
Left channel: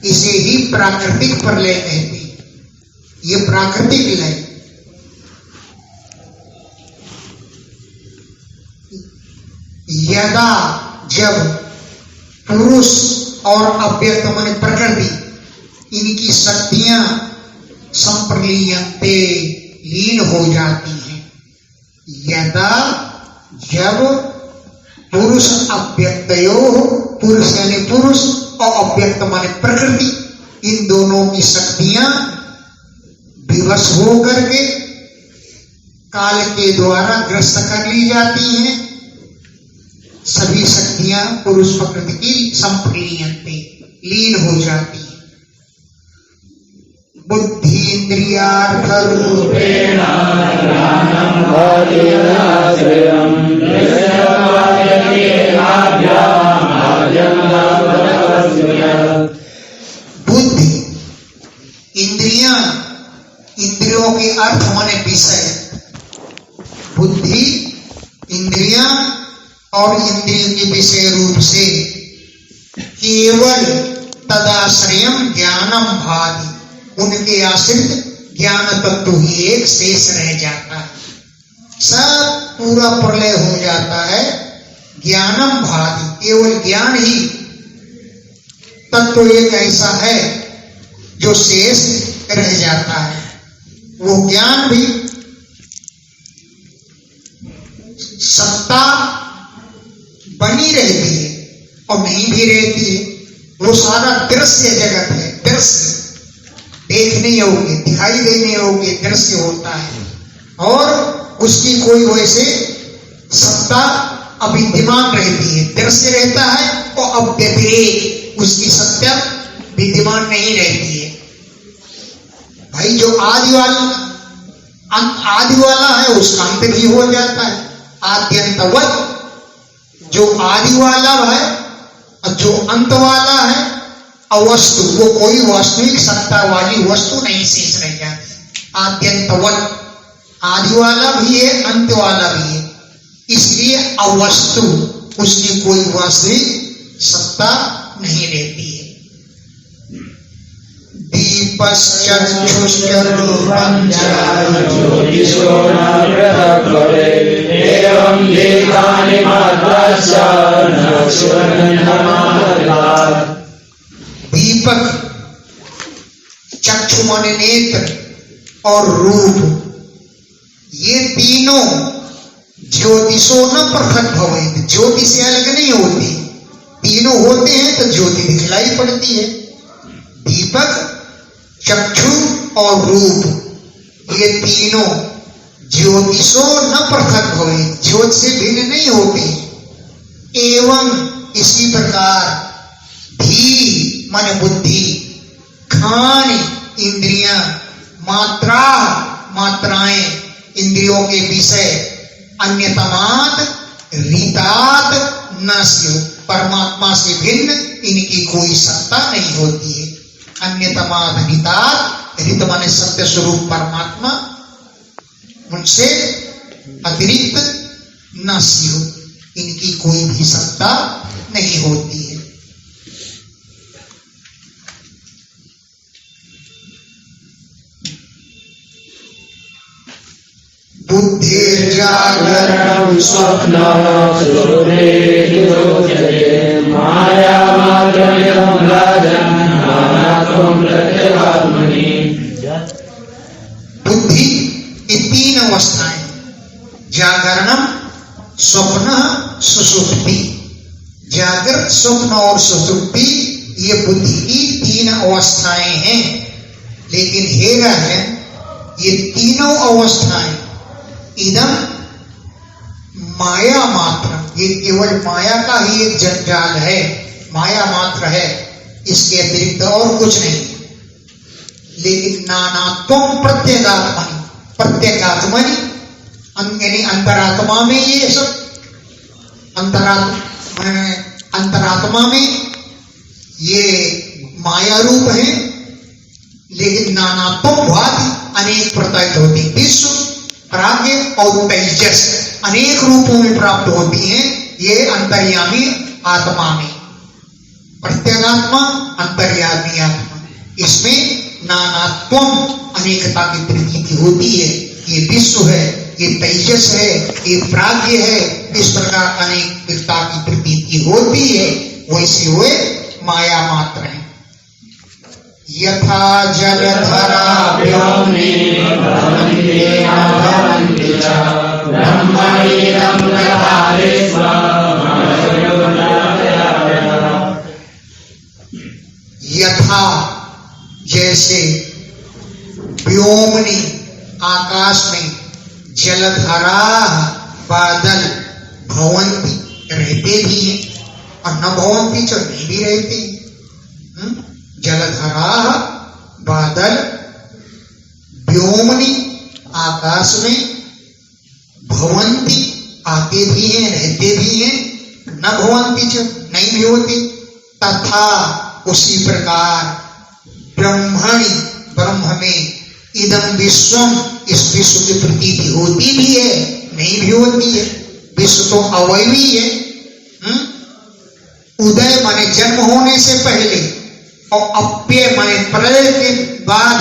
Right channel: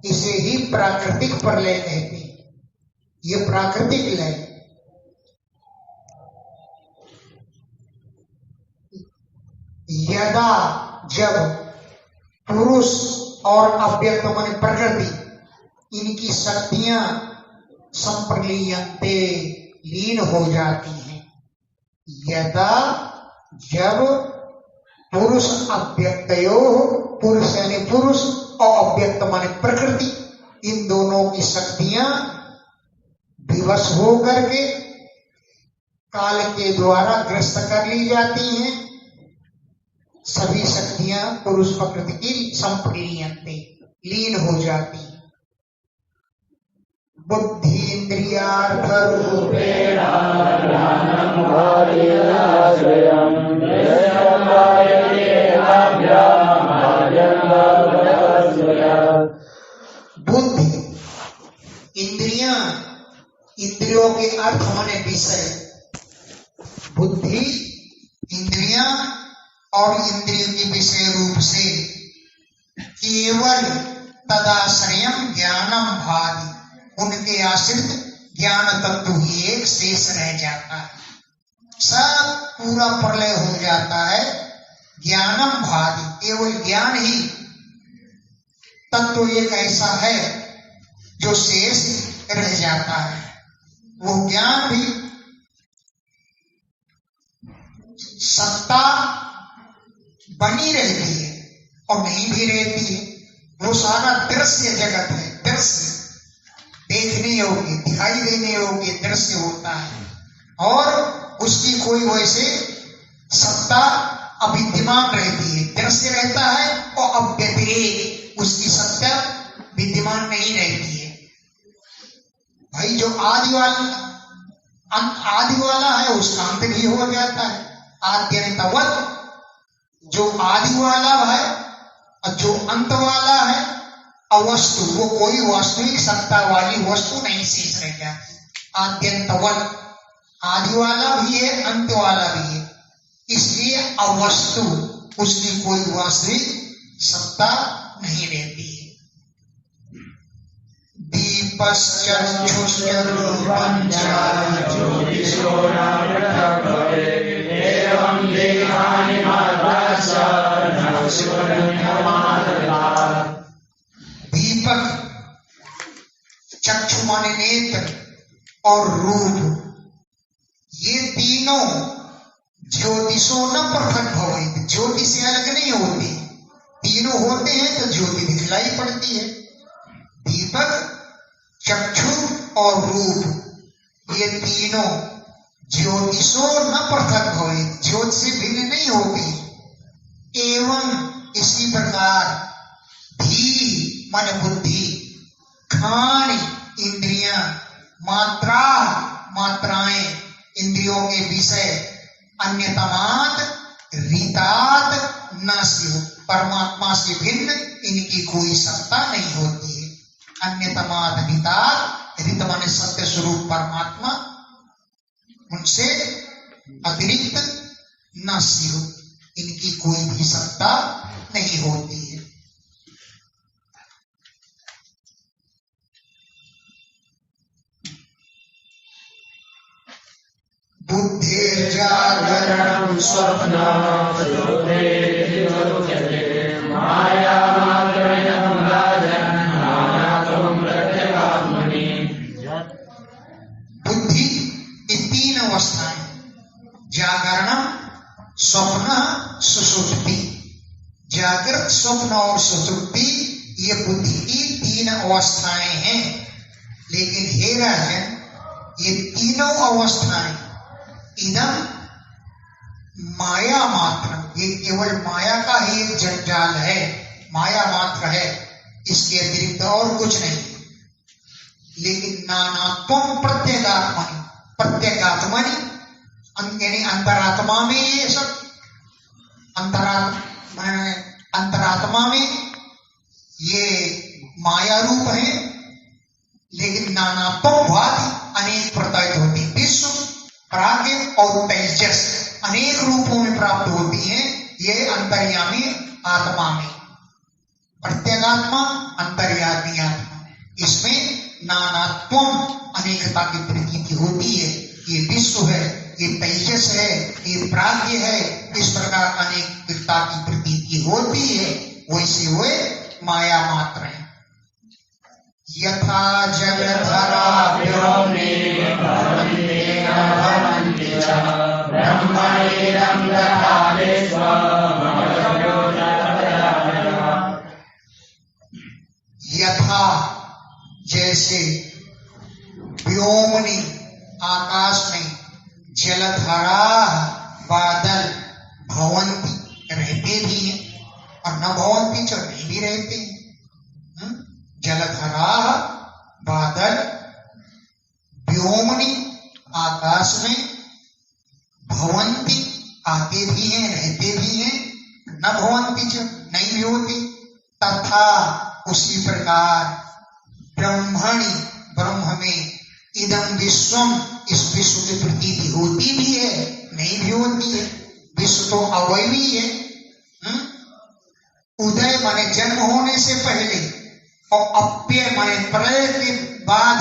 इसे ही प्राकृतिक प्रलय कहते हैं। ये प्राकृतिक लय, यदा जब पुरुष और अव्यक्त माने प्रकृति, इनकी शक्तियां संप्रलीयन्ते, लीन हो जाती हैं। यदा जब पुरुष अव्यक्तयो, पुरुष यानी पुरुष और अव्यक्त माने प्रकृति, इन दोनों की शक्तियां विवश हो करके काल के द्वारा ग्रस्त कर ली जाती हैं। सभी शक्तियां पुरुष प्रकृति की संप्रलीयन्ते, लीन हो जाती हैं। बुद्धि इंद्रियार्थ रूपेण बुद्धि, इंद्रियां, इंद्रियों के अर्थ माने विषय, बुद्धि, इंद्रियां और इंद्रियों के विषय रूप से केवल तदाश्रयम ज्ञानम भाति, उनके आश्रित ज्ञान तत्व ही एक शेष रह जाता है। सब पूरा प्रलय हो जाता है, ज्ञानम भाति, केवल ज्ञान ही तत्व एक ऐसा है जो शेष रह जाता है। वो ज्ञान भी सत्ता बनी रहती है और नहीं भी रहती है। वो सारा दृश्य जगत है, दृश्य देखने योग्य, दिखाई देने योग्य दृश्य होता है, और उसकी कोई वैसे सत्ता अविद्यमान रहती है। दृश्य रहता है और अव्यतिरेक, उसकी सत्ता विद्यमान नहीं रहती है। भाई जो आदि वाला है उसका अंत भी हो जाता है। आद्यंतवत, जो आदि वाला है और जो अंत वाला है अवस्तु, वो कोई वास्तविक सत्ता वाली वस्तु नहीं शेष रह जाती। आद्यंतवत, आदि वाला भी है, अंत वाला भी है, इसलिए अवस्तु, उसकी कोई वास्तविक सत्ता नहीं रहती है। दीपश्चक्षुश्च रूपं च ज्योतिषो न पृथक् भवेत्, एवं देहानि मात्राश्च न शून्यमात्रात्। दीपक, चक्षु माने नेत्र, और रूप, ये तीनों ज्योतिषो न पृथक् भवेत्, ज्योति से अलग नहीं होती। तीनों होते हैं तो ज्योति दिखलाई पड़ती है। दीपक, चक्षु और रूप, ये तीनों ज्योतिषो न पृथक् भवेत्, ज्योत से भिन्न नहीं होते। एवं इसी प्रकार धी मन बुद्धि, खान इंद्रियां, मात्रा मात्राएं इंद्रियों के विषय, अन्यतमात रीतात न स्यु, परमात्मा से भिन्न इनकी कोई सत्ता नहीं होती है। अन्यतमात रीतात, रीत माने सत्य स्वरूप परमात्मा, उनसे अतिरिक्त न स्यु, इनकी कोई भी सत्ता नहीं होती है। बुद्धिर्जागरणं स्वप्नं सुषुप्तिर्योच्यते, मायामात्रमिदं राजन् नानात्वं प्रत्यगात्मनि। बुद्धि ये तीन अवस्थाएं, जागरणम, स्वप्न, सुषुप्ति। जागृत, स्वप्न और सुषुप्ति ये बुद्धि की तीन अवस्थाएं हैं। लेकिन हेरा है, ये तीनों अवस्थाएं इदम माया मात्र, ये केवल माया का ही एक जंजाल है, माया मात्र है, इसके अतिरिक्त और कुछ नहीं। लेकिन नानात्वम प्रत्येगात्मनि, प्रत्येगात्मनि यानी अंतरात्मा में ये सब, अंतरात्मा में ये माया रूप है। लेकिन नानात्वम भाति अनेक प्रत्यक्ष होती, विश्व, प्राज्ञ और तेजस अनेक रूपों में प्राप्त होती हैं। ये अंतर्यामी आत्मा में, प्रत्यगात्मा, अंतर्यामी आत्मा, इसमें नानात्वम अनेकता की प्रतीति होती है। ये विश्व है, ये तेजस है, ये प्राज्ञ है, इस प्रकार अनेकता की प्रतीति होती है। वैसे वे माया मात्र है। यथा जलधरा व्योमनि भवन्ति भवन्ति च, ब्रह्मणीदं तथा विश्वम्। यथा जैसे, व्योमनि आकाश में, जलधरा बादल, भवन्ति रहते भी हैं, और न भवन्ति तो नहीं भी रहते। जलधरा बादल, व्योमनि आकाश में, भवन्ति आते भी हैं, रहते भी हैं, न भवन्ति च नहीं भी होते। तथा उसी प्रकार ब्रह्मणि, ब्रह्म में, इदम विश्वम, इस विश्व की प्रतीति होती भी है, नहीं भी होती है। विश्व तो अवयवी है। उदय माने जन्म होने से पहले, और अप्यय माने प्रलय के बाद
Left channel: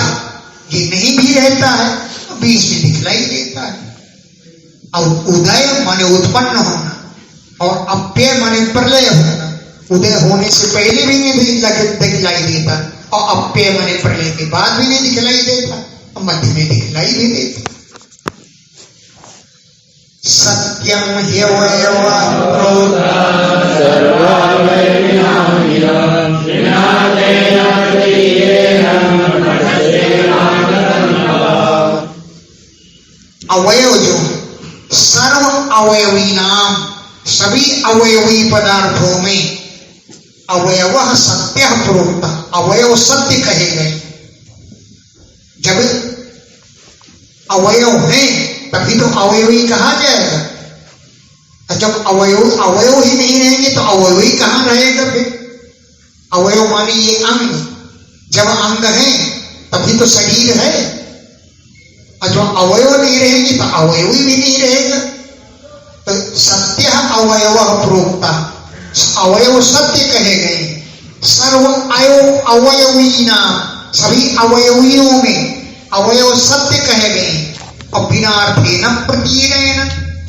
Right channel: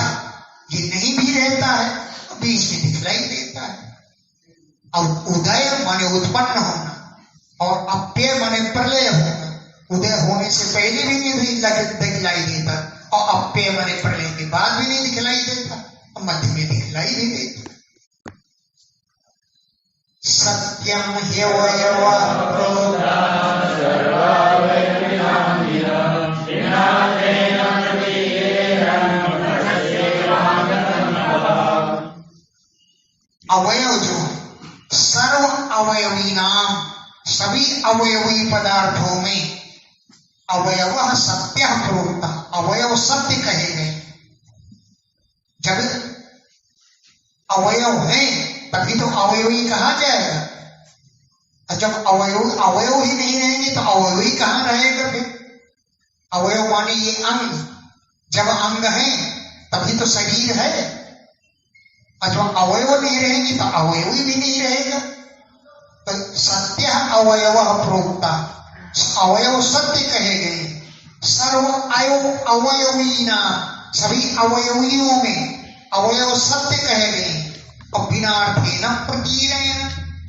ये नहीं भी रहता है, बीच में दिखलाई देता है। और उदय माने उत्पन्न होना, और अप्यय माने प्रलय होना। उदय होने से पहले भी नहीं दिखलाई देता, और अप्यय माने प्रलय के बाद भी नहीं दिखलाई देता, और मध्य में दिखलाई भी देता। सत्यम ह्यवयव अवयव जो सर्व अवयवी नाम, सभी अवयवी पदार्थों में अवयव सत्य प्रोक्ता, अवयव सत्य कहे गए। जब अवयव है तभी तो अवयवी कहा जाएगा, और जब अवयव ही नहीं रहेंगे तो अवयवी कहां रहेगा फिर? अवयव माने ये अंग, जब अंग है तभी तो शरीर है, और जो अवयव नहीं रहेंगे तो अवयव भी नहीं रहेगा। तो सत्य अवयव प्रोक्ता, अवयव सत्य कहे गए। सर्व अवयवी नाम, सभी अवयवियों में अवयव सत्य कहे गए। और बिना अर्थे न प्रतीरेण,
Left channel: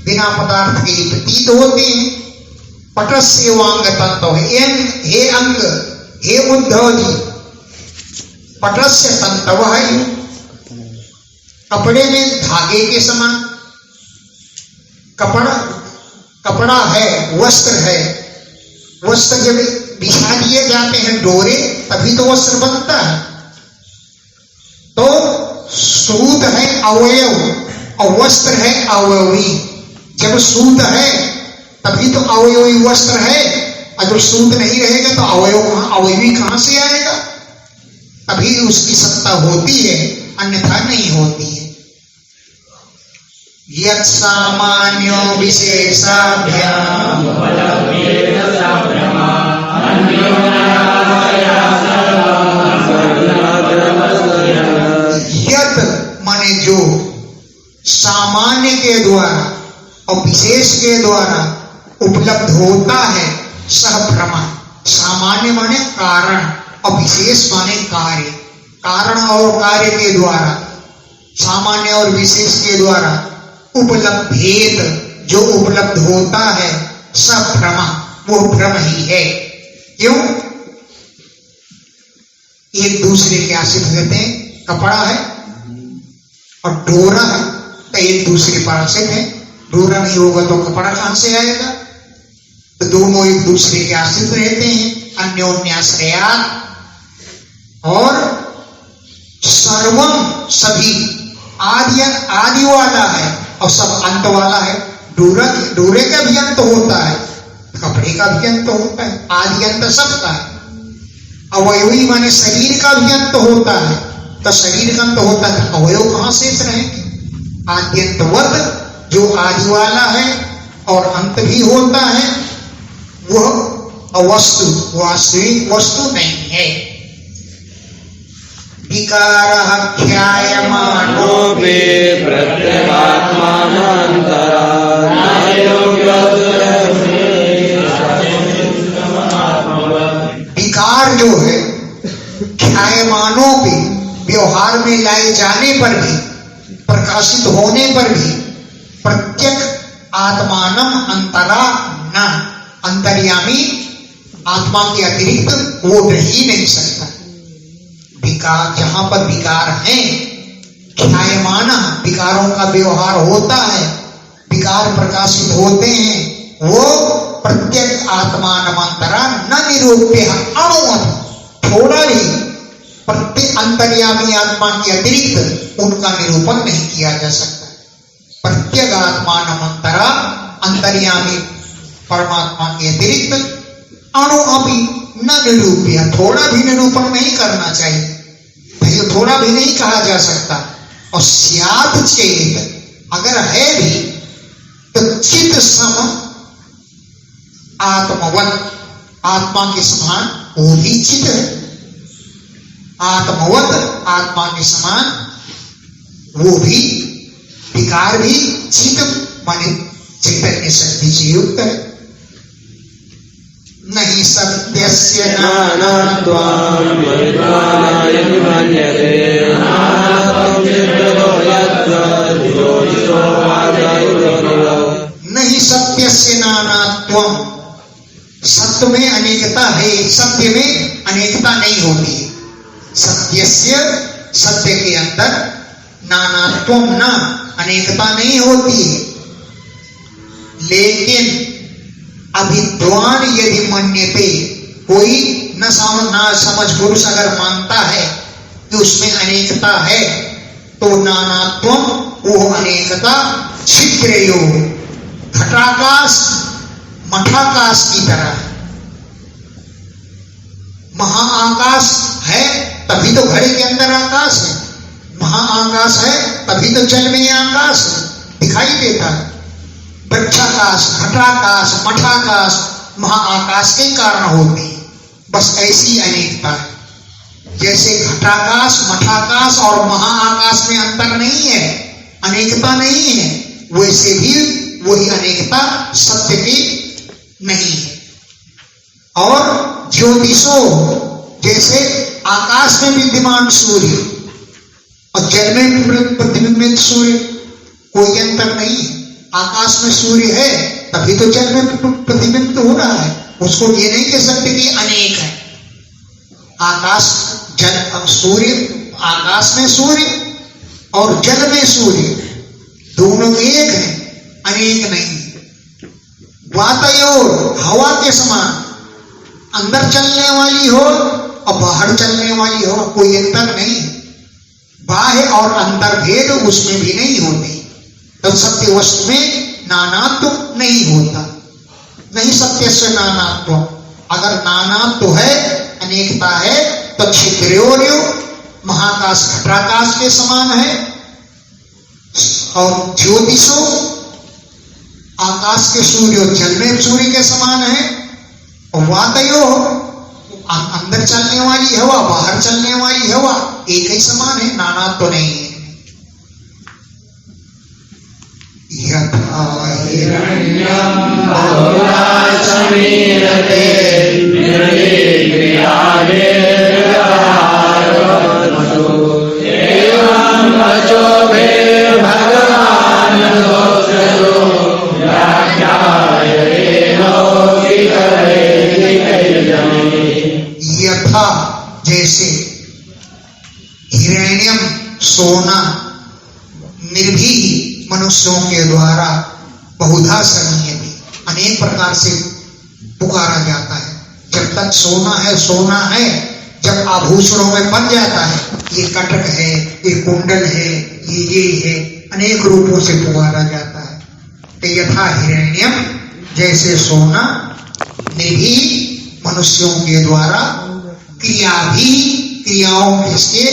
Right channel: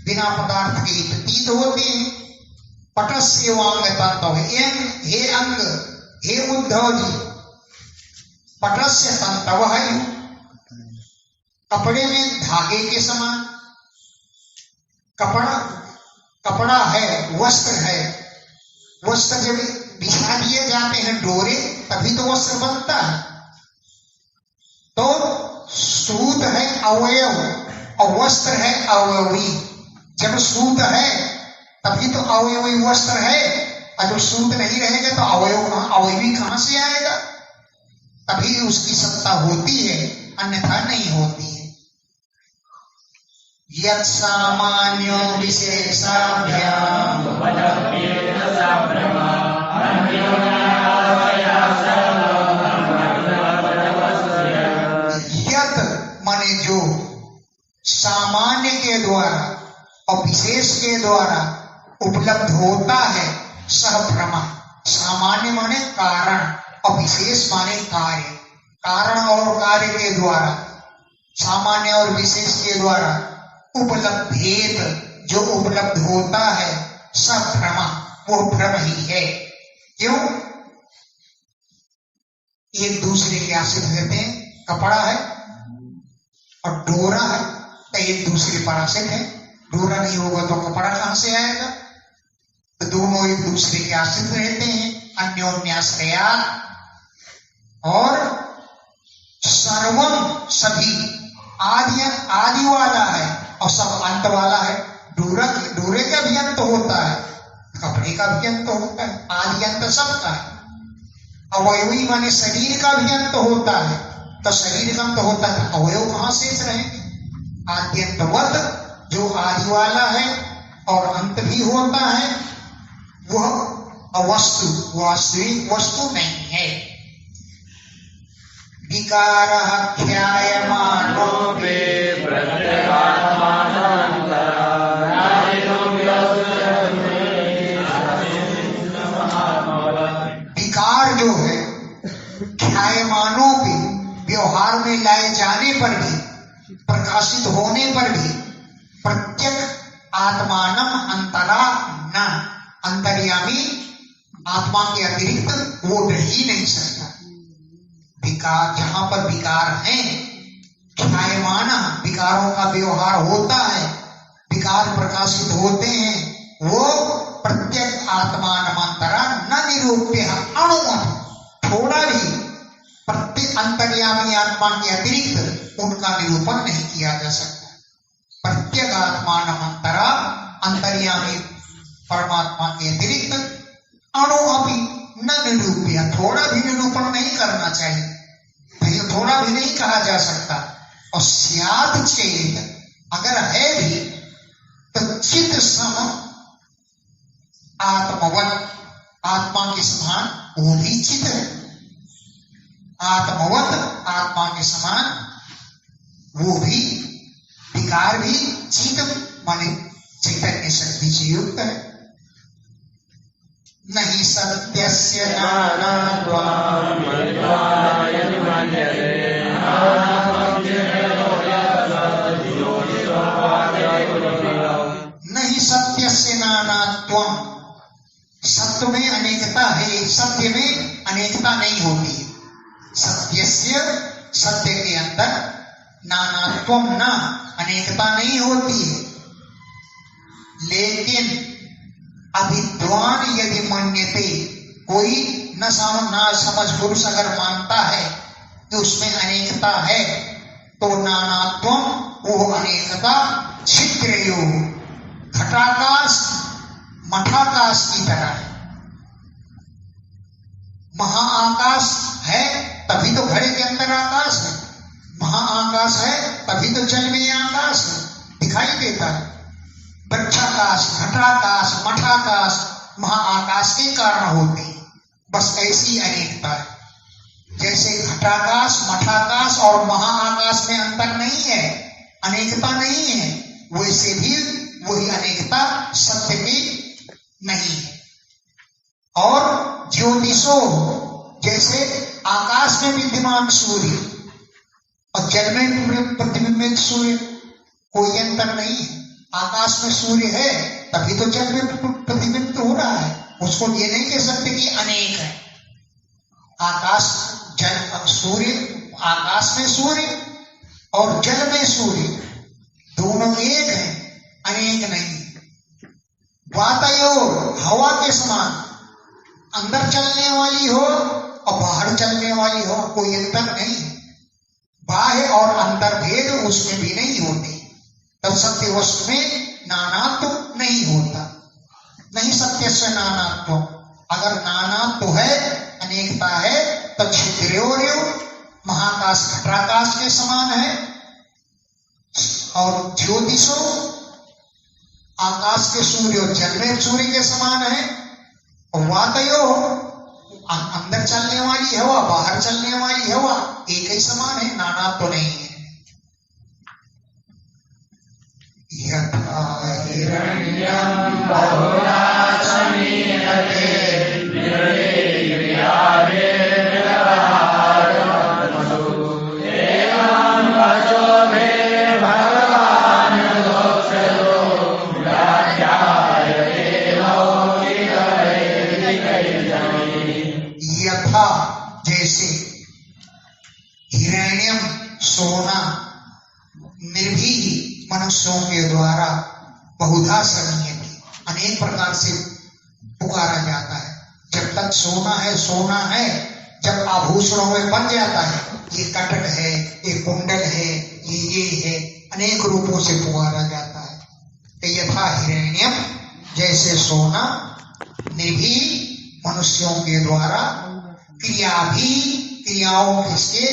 बिना पदार्थ के लिए प्रतीत होते हैं। पटस्य वांग तंतु, हे अंग, हे उद्धव जी, पटस्य तंतव है, कपड़े में धागे के समान। कपड़ा है, वस्त्र है, वस्त्र जब बिछा दिए जाते हैं डोरे तभी तो वस्त्र बनता है। तो सूत है अवयव और वस्त्र है अवयवी। जब सूत है तभी तो अवयवी वस्त्र है, और जब सूत नहीं रहेगा तो अवयवी कहां से आएगा? तभी उसकी सत्ता होती है, अन्यथा नहीं होती है। यत् सामान्यो विशेषाभ्याम यत् माने जो सामान्य के द्वारा और विशेष के द्वारा उपलब्ध होता है, सह भ्रमा। सामान्य माने कारण और विशेष माने कार्य। कारण और कार्य के द्वारा, सामान्य और विशेष के द्वारा उपलब्ध भेद जो उपलब्ध होता है, सब भ्रमा, वो भ्रम ही है। क्यों? एक दूसरे के आश्रित रहते हैं। कपड़ा है और डोरा है तो एक दूसरे पर आश्रित है। डोरा नहीं होगा तो कपड़ा कहां से आएगा? तो दोनों एक दूसरे के आश्रित रहते हैं, अन्योन्याश्रयात्। और सर्वम सभी आदि वाला है और सब अंत वाला है। डोरे का भी अंत होता है, कपड़े का भी अंत होता है, आदि अंत सबका है। अवयवी माने शरीर का भी अंत होता है, तो शरीर का अंत होता है तो अवयव कहां शेष रहेंगे? आद्यंतवत जो आदि वाला है और अंत भी होता है, वह अवस्तु, वास्तविक वस्तु नहीं है। विकारः ख्यायमानोऽपि विकार जो है ख्यायमानों पे, व्यवहार में लाए जाने पर भी, प्रकाशित होने पर भी, प्रत्यक आत्मानम अंतरा न, अंतर्यामी आत्मा के अतिरिक्त वो रह ही नहीं सकता। विकार, जहां पर विकार है, ख्यायमान, विकारों का व्यवहार होता है, विकार प्रकाशित होते हैं, वो प्रत्येक आत्मानमंतरा न निरूप्य अणुवत, थोड़ा भी प्रत्येक अंतर्यामी आत्मा के अतिरिक्त उनका निरूपण नहीं किया जा सकता। प्रत्येक आत्मानमंतरा, अंतर्यामी परमात्मा के अतिरिक्त अणु अभी न निरूप्य, थोड़ा भी निरूपण नहीं करना चाहिए, नहीं थोड़ा भी नहीं कहा जा सकता। और स्यात् चेत, अगर है भी तो चित सम आत्मवत, आत्मा के समान वो भी चित है। आत्मवत, आत्मा के समान वो भी, विकार भी चित माने चैतन्य शक्ति से युक्त है। नहीं सत्यस्य नानात्वं नहीं सत्यस्य नानात्वं, सत्य में अनेकता है, सत्य में अनेकता नहीं होती है। सत्यस्य, सत्य के अंदर, नानात्वं न, अनेकता नहीं होती है। लेकिन अविद्वान यदि मन्यते, कोई न समझ पुरुष अगर मानता है कि उसमें अनेकता है, तो नानात्वं, वो अनेकता छिद्रयो, घटाकाश मठाकाश की तरह है। महाआकाश है तभी तो घड़े के अंदर आकाश है, महाआकाश है तभी तो जल में आकाश है, दिखाई देता है। वृक्षाकाश, घटाकाश, मठाकाश, महाआकाश के कारण होते हैं। बस ऐसी अनेकता है। जैसे घटाकाश, मठाकाश और महाआकाश में अंतर नहीं है, अनेकता नहीं है, वैसे भी वही अनेकता सत्य की नहीं है। और ज्योतिषो, जैसे आकाश में विद्यमान सूर्य और जल में प्रतिबिंबित सूर्य, कोई अंतर नहीं है। आकाश में सूर्य है तभी तो जल में प्रतिबिंबित हो रहा है, उसको ये नहीं कह सकते कि अनेक है। आकाश जल सूर्य, आकाश में सूर्य और जल में सूर्य दोनों एक है, अनेक नहीं। वातयोर, हवा के समान, अंदर चलने वाली हो और बाहर चलने वाली हो, कोई अंतर नहीं। बाह्य और अंतर भेद उसमें भी नहीं होते, तब सत्य वस्तु में नानात्व नहीं होता। नहीं सत्य से नानात्व, अगर नानात्व है, अनेकता है, तो छिद्र्योर्यो, महाकाश घटाकाश के समान है, और ज्योतिषो, आकाश के सूर्य और जल में सूर्य के समान है। और वातयो, अंदर चलने वाली हवा, बाहर चलने वाली हवा, एक ही समान है, नानात्व तो नहीं है। यथा हिरण्यं बहुधा समीरते एवं वचोभे भगवान् यथा, जैसे हिरण्यम, सोना, निर्भीक मनुष्यों के द्वारा बहुधा समीयते, अनेक प्रकार से पुकारा जाता है। जब तक सोना है, सोना है, जब आभूषणों में बन जाता है, ये कटक है, ये कुंडल है, ये है, अनेक रूपों से पुकारा जाता है। तो यथा हिरण्यम, जैसे सोना, निर्भीक मनुष्यों के द्वारा क्रियाओं के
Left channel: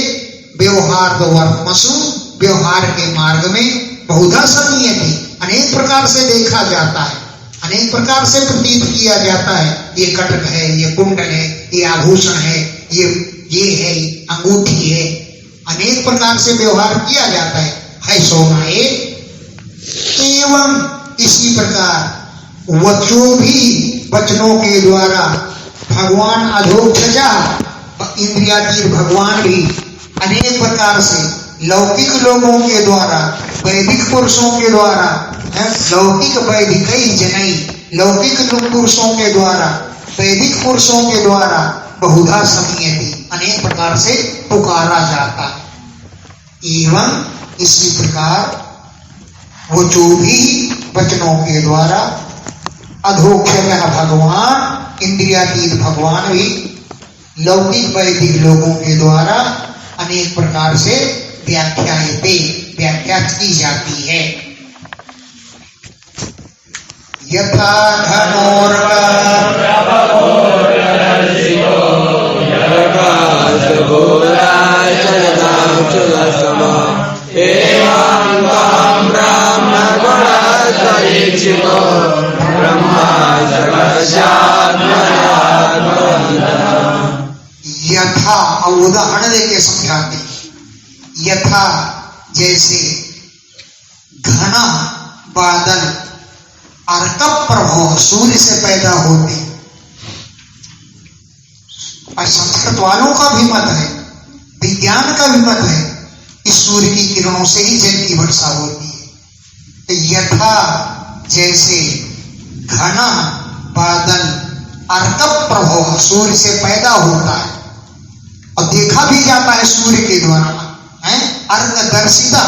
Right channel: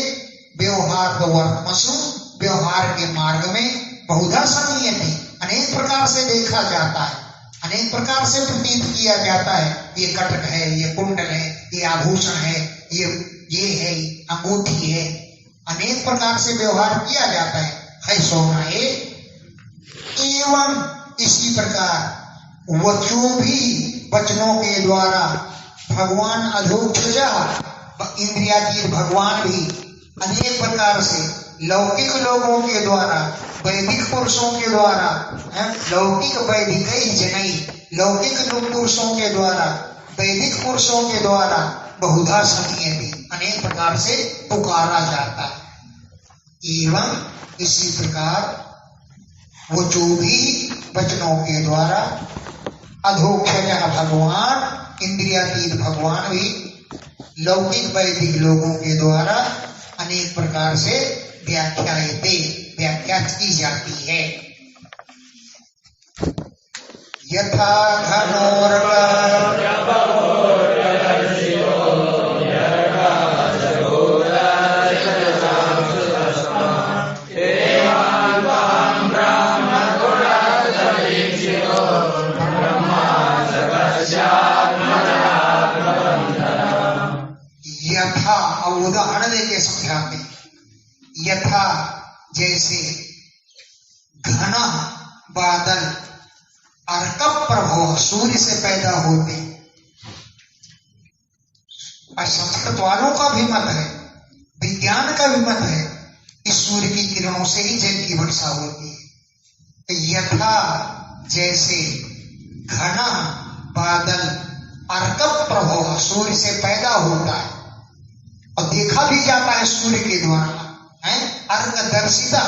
व्यवहार वर्तमसु, व्यवहार के मार्ग में बहुधा समीयते, अनेक प्रकार से देखा जाता है, अनेक प्रकार से प्रतीत किया जाता है। ये कटक है, ये कुंडल है, ये आभूषण है, ये है, अंगूठी है, अनेक प्रकार से व्यवहार किया जाता है सोना एक। एवं इसी प्रकार वचो भी, वचनों के द्वारा भगवान अधोक्षजा, इंद्रियातीत भगवान भी अनेक प्रकार से लौकिक लोगों के द्वारा, वैदिक पुरुषों के द्वारा, लौकिक वैदिक जनई, लौकिक पुरुषों के द्वारा, वैदिक पुरुषों के द्वारा बहुधा समीयते, अनेक प्रकार से पुकारा जाता है। एवं इसी प्रकार वो जो भी वचनों के द्वारा अधोक्षज भगवान, इंद्रियातीत भगवान भी लौकिक वैदिक लोगों के द्वारा अनेक प्रकार से व्याख्यायते, व्याख्या की जाती है। यथा धनोर्क यथा, और उदाहरण देके समझाते, यथा जैसे घना बादल अर्क प्रभाव सूर्य से पैदा होते, और संस्कृत वालों का भी मत है, विज्ञान का भी मत है, इस सूर्य की किरणों से ही जल की वर्षा होती है। तो यथा जैसे घना बादल अर्क प्रभाव सूर्य से पैदा होता है, और देखा भी जाता है सूर्य के द्वारा, है अर्क दर्शिता,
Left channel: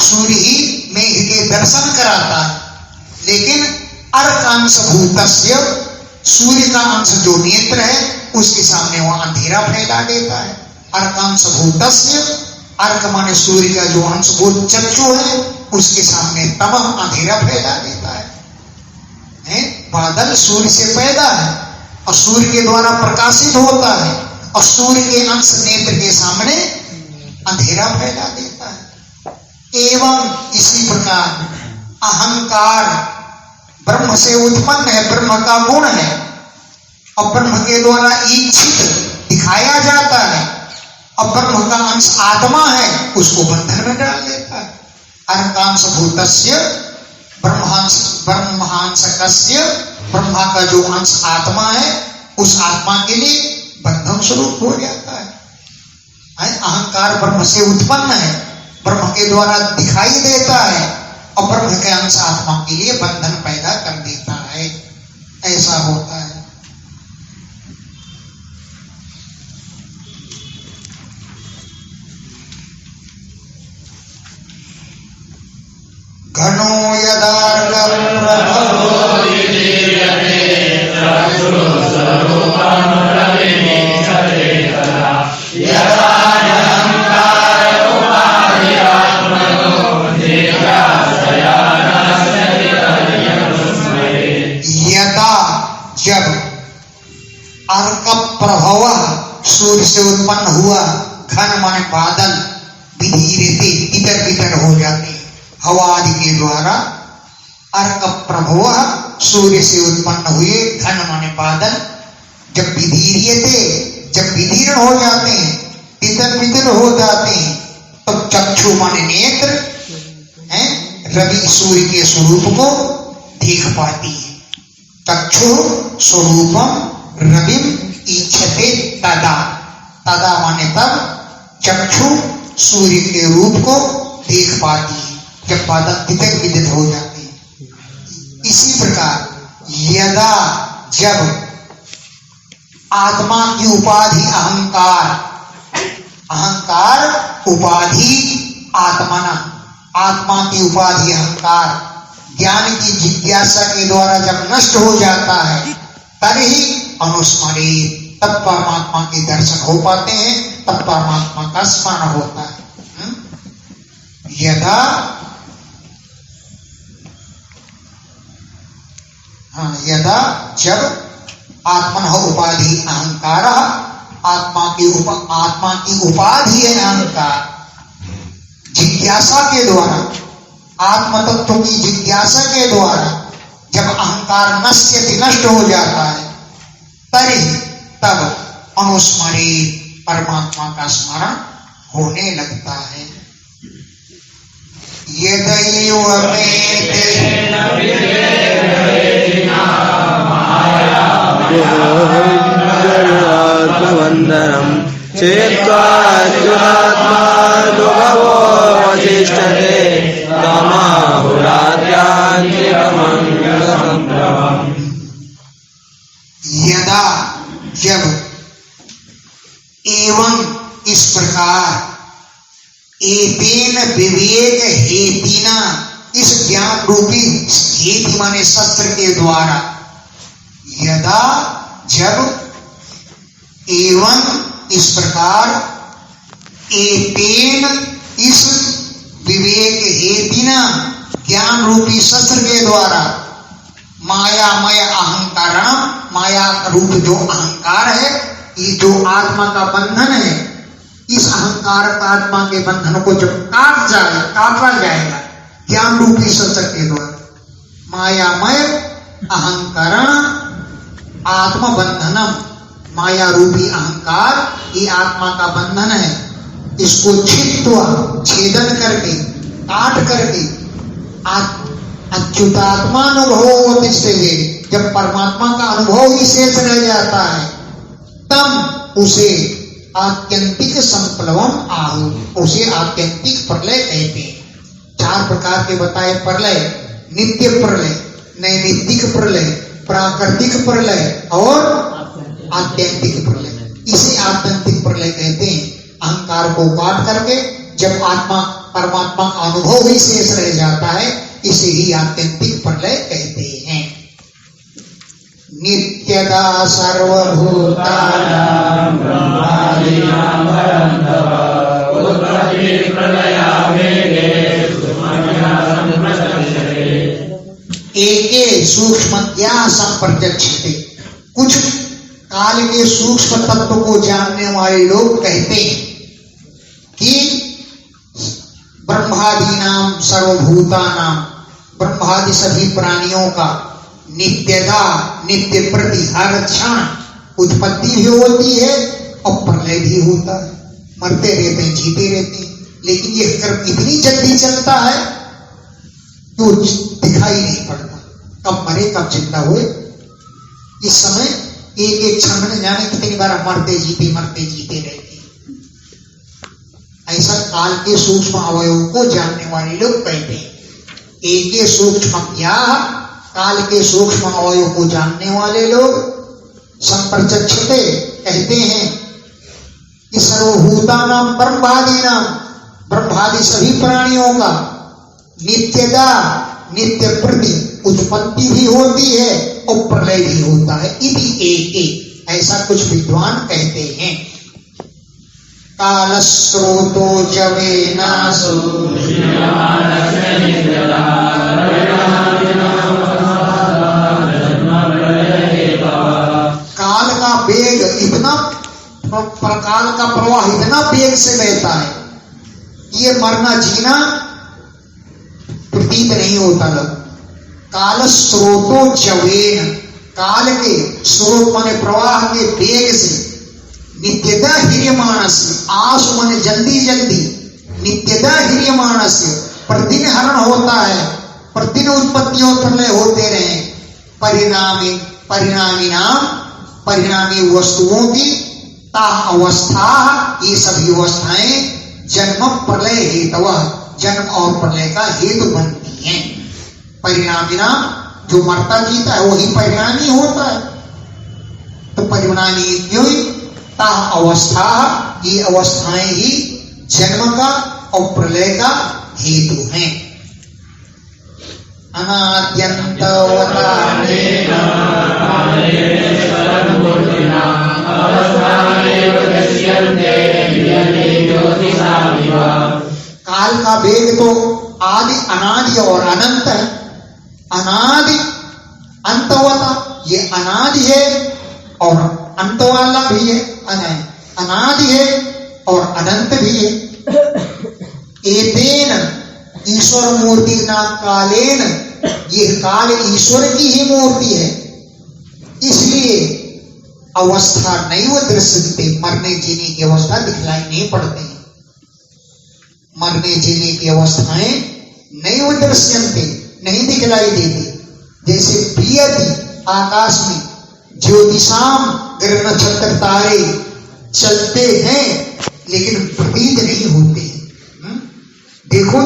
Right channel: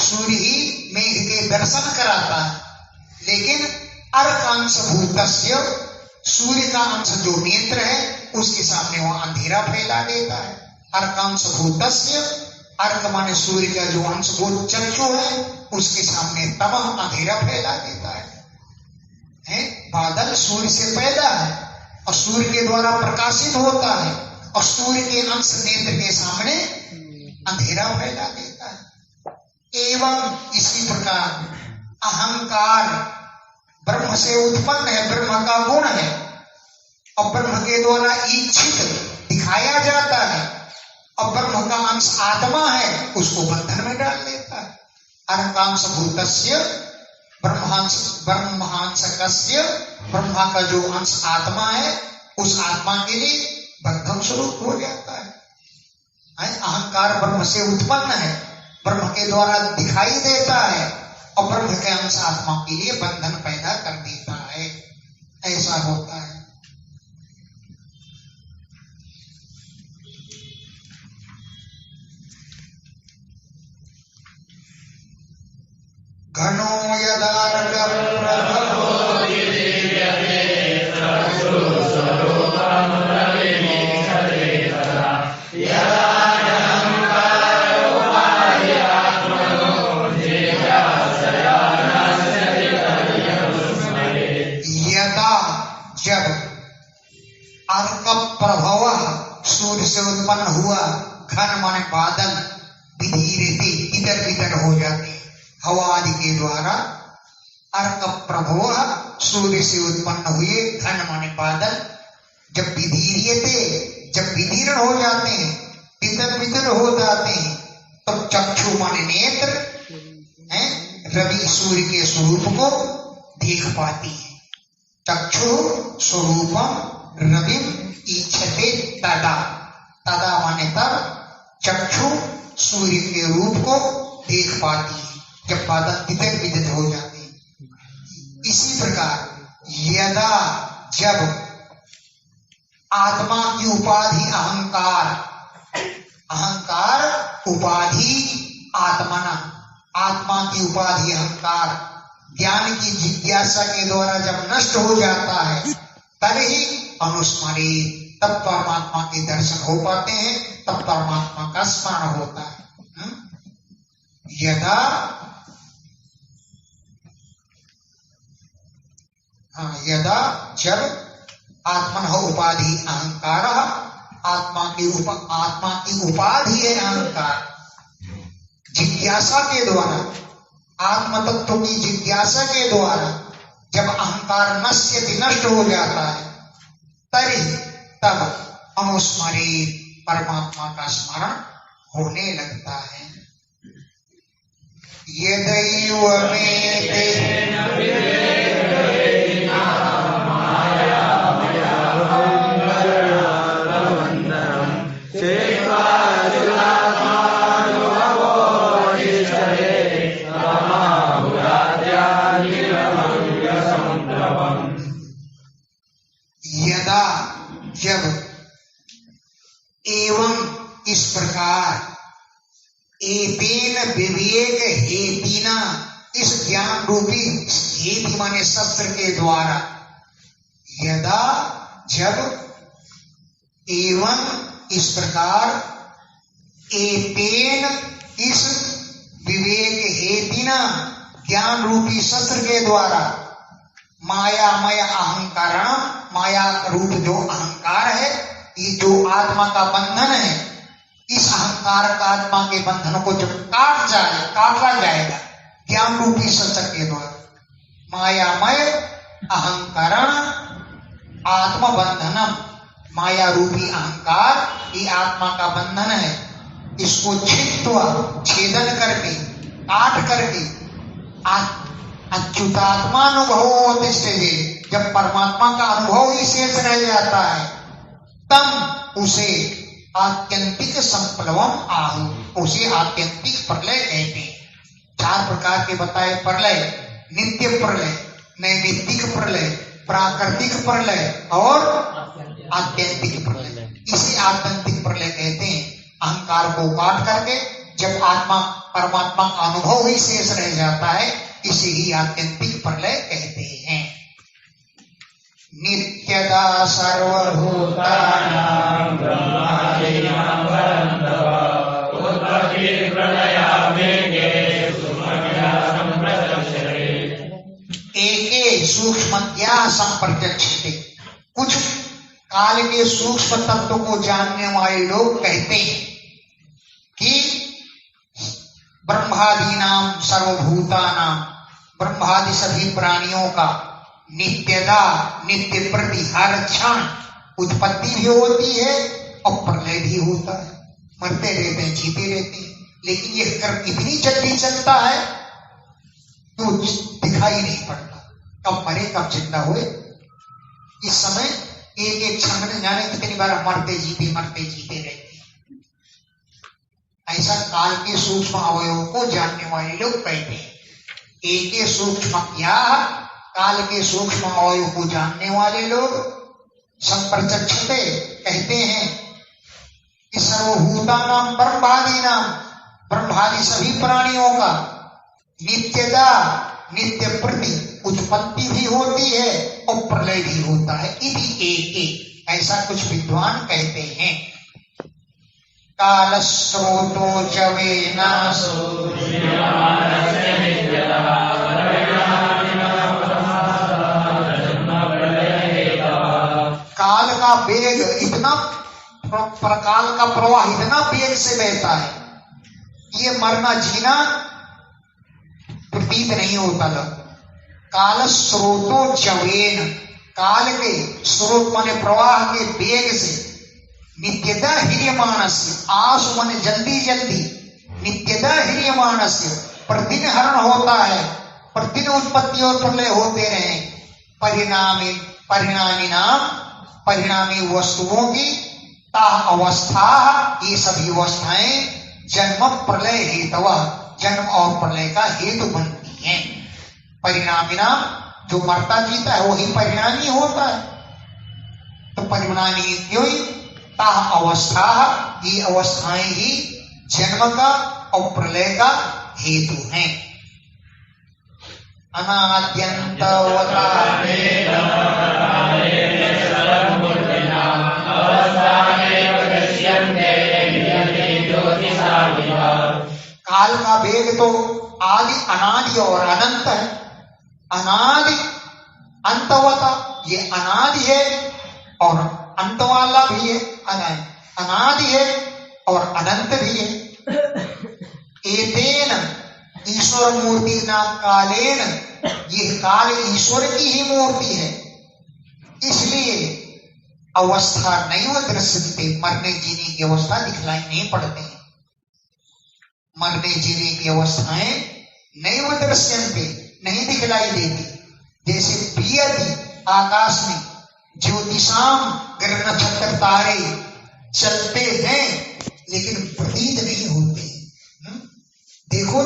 सूर्य ही मेघ के दर्शन कराता है। लेकिन अर्क अंश भूतस्य, सूर्य का अंश जो नेत्र है उसके सामने वह अंधेरा फैला देता है। अर्कांश भूतस्य, अर्क माने सूर्य का जो अंश भूत चक्षु है उसके सामने तमह, अंधेरा फैला देता है। बादल सूर्य से पैदा है और सूर्य के द्वारा प्रकाशित होता है, और सूर्य के अंश नेत्र के सामने अंधेरा फैला देता है। एवं इसी प्रकार अहंकार ब्रह्म से उत्पन्न है, ब्रह्म का गुण है, और ब्रह्म के द्वारा इच्छित दिखाया जाता है, और ब्रह्म का अंश आत्मा है, उसको बंधन में डाल देता है। अहंकांश भूतस्य ब्रह्मांशकस्य, ब्रह्मा का जो अंश आत्मा है, उस आत्मा के लिए बंधन स्वरूप हो जाता है। अहंकार ब्रह्म से उत्पन्न है, ब्रह्म के द्वारा दिखाई देता है, और ब्रह्म के अंश आत्मा के लिए बंधन पैदा कर देता है। ऐसा होता है। घनो यदार्गप्रभवो जब अर्क प्रभव सूर्य से उत्पन्न हुआ, घन माने बादल, विधीरते इधर बिधर हो जाते हवा आदि के द्वारा। अर्क प्रभव सूर्य से उत्पन्न हुए, घन माने बादल, जब विधीर्यते, जब विदीर्ण हो जाते हैं, इधर बिधर हो जाते हैं, तब चक्षु माने नेत्र हैं, रवि सूर्य के स्वरूप को देख पाती है। चक्षु स्वरूपम रविम इच्छते तदा, तदा माने तब चक्षु सूर्य के रूप को देख पाती है, जब बादल इधर बिधर हो जाते हैं। इसी प्रकार यदा, जब आत्मा की उपाधि अहंकार, अहंकार उपाधि आत्मना, आत्मा की उपाधि अहंकार ज्ञान की जिज्ञासा के द्वारा जब नष्ट हो जाता है, तभी अनुस्मरित, तब परमात्मा के दर्शन हो पाते हैं, तब परमात्मा का स्मरण होता है। यदा, यदा जब आत्मन उपाधि अहंकार, आत्मा की उपाधि है अहंकार, जिज्ञासा के द्वारा, आत्म तत्व की जिज्ञासा के द्वारा जब अहंकार नष्ट हो जाता है, तब अनुस्मरित परमात्मा का स्मरण होने लगता है। यदैव यदा, जब, एवं इस प्रकार, एतेन विवेक हेतिना, इस ज्ञान रूपी हेति माने शस्त्र के द्वारा, यदा जब, एवं इस प्रकार, एतेन इस विवेक हेतिना, ज्ञान रूपी शस्त्र के द्वारा, मायामय अहंकारण, माया रूप जो अहंकार है, ये जो आत्मा का बंधन है, इस अहंकार का आत्मा के बंधन को जब काटा जाएगा ज्ञान रूपी शस्त्र के द्वारा, मायामय अहंकारण आत्मबंधनम, माया रूपी अहंकार ये आत्मा का बंधन है, इसको छित्वा, छेदन करके, काट करके, अच्युतात्मानुभव तिष्ठते, जब परमात्मा का अनुभव ही शेष रह जाता है, तब उसे आत्यंतिक संप्लवम आहु, उसे आत्यंतिक प्रलय कहते हैं। 4 प्रकार के बताए प्रलय, नित्य प्रलय, नैमित्तिक प्रलय, प्राकृतिक प्रलय और आत्यंतिक प्रलय। इसे आत्यंतिक प्रलय कहते हैं। अहंकार को काट करके जब आत्मा परमात्मा का अनुभव ही शेष रह जाता है, इसे ही आत्यंतिक प्रलय कहते हैं। नित्यदा सर्वभूतानां ब्रह्मादीनां परन्तप उत्पत्ति प्रलयावेगे एके सूक्ष्मतया संप्रत्यक्षते। कुछ काल के सूक्ष्म तत्व को जानने वाले लोग कहते हैं कि ब्रह्मादीनां सर्वभूतानां, ब्रह्मादि सभी प्राणियों का नित्यता, नित्य प्रति हर क्षण उत्पत्ति भी होती है और प्रलय भी होता है, मरते रहते हैं जीते रहते हैं। लेकिन ये कर्म इतनी जल्दी चलता है तो दिखाई नहीं पड़ता, कब मरे कब जिंदा हुए। इस समय एक एक क्षण में जाने कितनी बार मरते जीते रहते हैं। ऐसा काल के सूक्ष्म अवयवों को जानने वाले लोग कहते हैं। एक सूक्ष्म क्या, काल के सूक्ष्म अवयव को जानने वाले लोग संप्रचक्षते कहते हैं कि सर्वभूतानां ब्रह्मादीनां, ब्रह्मादि सभी प्राणियों का नित्यता नित्य प्रति उत्पत्ति भी होती है और प्रलय भी होता है। इति एक ऐसा कुछ विद्वान कहते हैं। काल स्रोतो जवेनासु काल का वेग इतना, काल का प्रवाह इतना वेग से बहता है, ये मरना जीना प्रतीत नहीं होता। लोग काल स्रोतो जवेन, काल के स्रोत माने प्रवाह के वेग से, नित्यता ह्रियमाणस्य, आसु माने जल्दी जल्दी, नित्यता ह्रियमाणस्य, प्रतिदिन हरण होता है, प्रतिदिन उत्पत्ति और प्रलय होते रहे। परिणामी वस्तुओं की ता अवस्था, ये सभी अवस्थाएं जन्म प्रलय हेतु, जन्म और प्रलय का हेतु बनती हैं। परिणामिना, जो मरता जीता है वही परिणामी होता है। तो परिणामी क्यों, ता अवस्था, ये अवस्थाएं ही जन्म का और प्रलय का हेतु हैं। काल का वेग तो आदि अनादि और अनंत है। अनादि अंतवता, ये अनादि है और अंत वाला भी है, अनादि है और अनंत भी है। एतेन ईश्वर मूर्ति ना कालेन, ये काल ईश्वर की ही मूर्ति है, इसलिए अवस्था नैव दृश्यते, मरने जीने की अवस्था दिखलाई नहीं पड़ती। मरने जीने की अवस्थाएं नैव दृश्यन्ते, नहीं दिखलाई देती। जैसे पियति, आकाश में ज्योतिषाम ग्रह नक्षत्र तारे चलते हैं लेकिन प्रतीत नहीं होते। देखो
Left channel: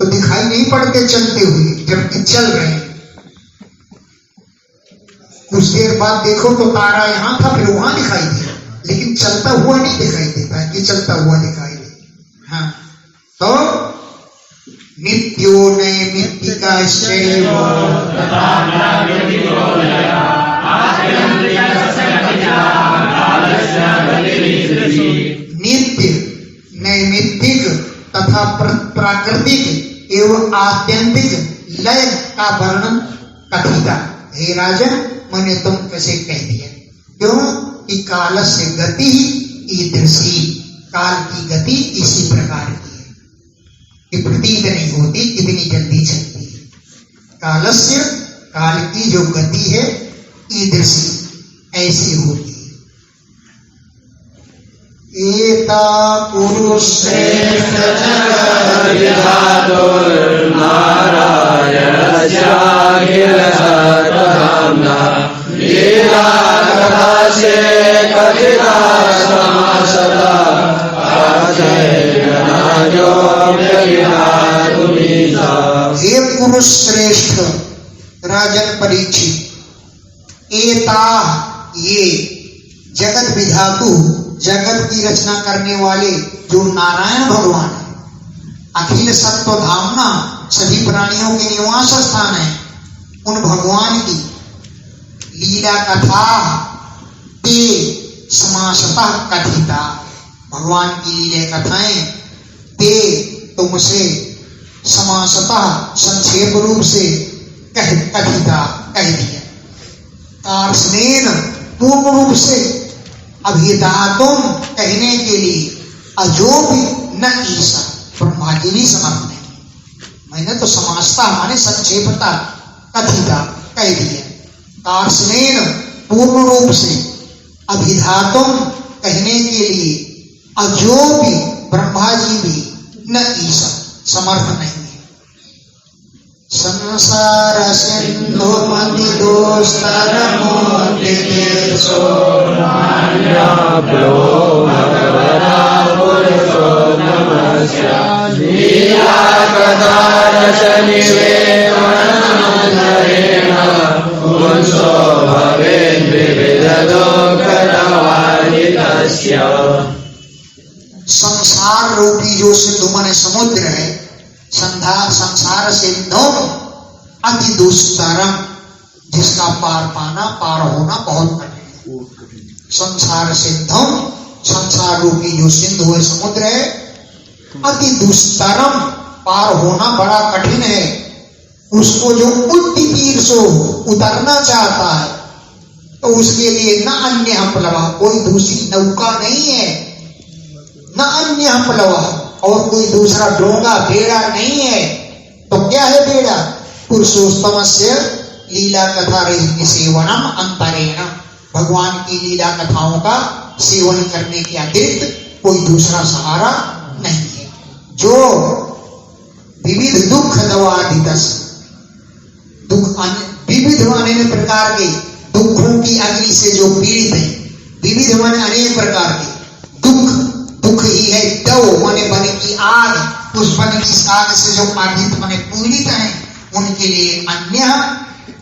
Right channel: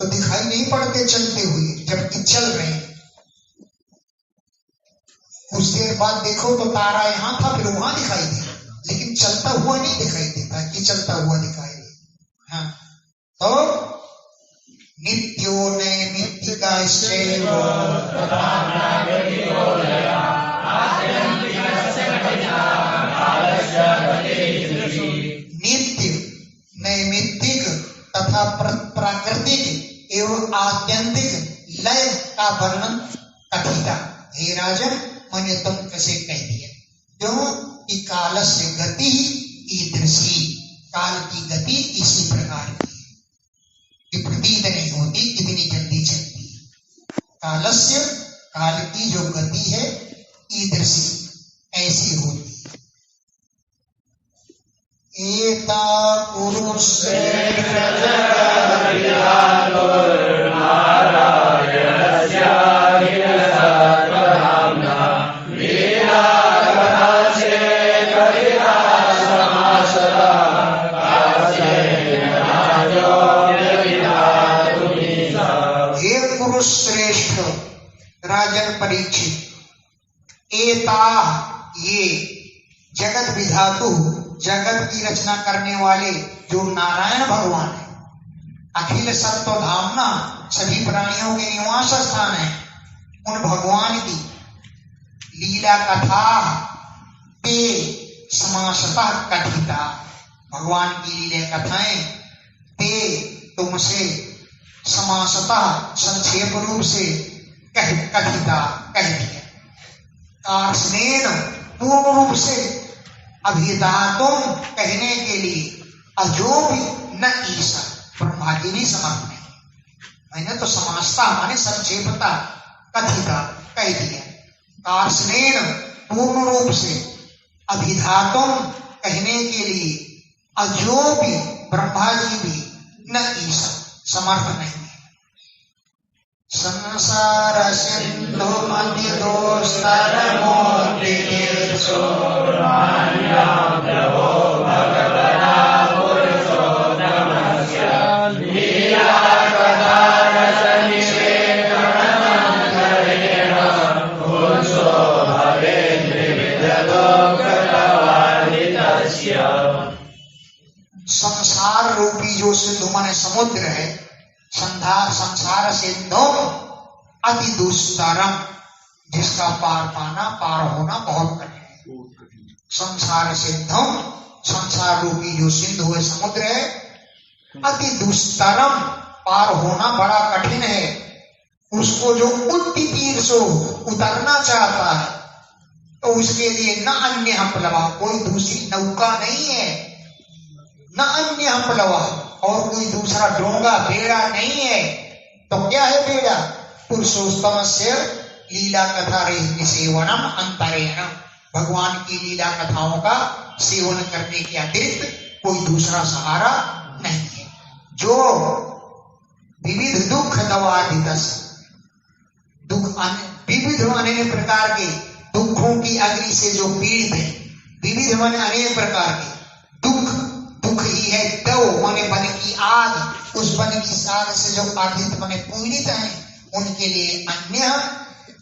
तो दिखाई नहीं पड़ते चलते हुए, जबकि चल रहे हैं। कुछ देर बाद देखो तो तारा यहां था, फिर वहां दिखाई दिया, लेकिन चलता हुआ नहीं दिखाई देता कि चलता हुआ दिखाई दे। हाँ, तो नित्यो नैमित्तिका नित्य नैमित्तिक तथा प्राकृतिक एवं आत्यंतिक लय का वर्णन कथिता। हे राजन, मैंने तुम कैसे कह दिया, क्यों कि काल से गति ईदृशी, काल की गति इसी प्रकार की है कि प्रतीत नहीं होती, कितनी जल्दी चलती है। कालस्य, काल की जो गति है, ईदृशी, ऐसी होती है। एता पुरुषेण हे पुरुष श्रेष्ठ राजन परीक्षित, एता, ये जगत विधातु, जगत की रचना करने वाले जो नारायण भगवान है, अखिल सत्व धामना, सभी प्राणियों के निवास स्थान है, उन भगवान की लीला कथा ते समासतः कथिता, भगवान की लीला कथाएं ते तुमसे समासतः संक्षेप रूप से कथिता, कह दिया। कार्ष्णेन, पूर्ण रूप से, अभिधातुम, कहने के लिए, अजो भी न ईसा, ब्रह्मा जी भी समर्थ नहीं। मैंने तो समासता माने संक्षेपता, कथिता, कह दिया। कार्ष्णेन, पूर्ण रूप से, अभिधातुम कहने के लिए अजो भी ब्रह्मा जी भी न ईसा समर्थ नहीं है। संसार सिंधु मति दोस्तर मोति तीर्थो लीला कथा रचनिवेणधरेण पुंसो भवेद् विविधलोकनवादितस्य। संसार रूपी जो सिंधु माने समुद्र है, संसार सिंधु अति दुष्करम, जिसका पार पाना पार होना बहुत कठिन है। संसार सिंधु, संसार रूपी जो सिंधु है समुद्र है, अति दुष्करम पार होना बड़ा कठिन है। उसको जो उद्दीपीर सो उतरना चाहता है तो उसके लिए न अन्य हमलवा, कोई दूसरी नौका नहीं है, न अन्य हमलवा और कोई दूसरा डोंगा बेड़ा नहीं है। तो क्या है बेड़ा? पुरुषोत्तम से लीला कथा सेवनम अंतरेण, भगवान की लीला कथाओं का सेवन करने के अतिरिक्त कोई दूसरा सहारा नहीं है। जो विविध दुख दवादितस, विविध अनेक प्रकार के दुखों की अग्नि से जो पीड़ित है, विविध माने अनेक प्रकार के दुख, दुख ही है दव माने बन की आग, उस बन की आग से जो बाधित माने पीड़ित हैं, उनके लिए अन्य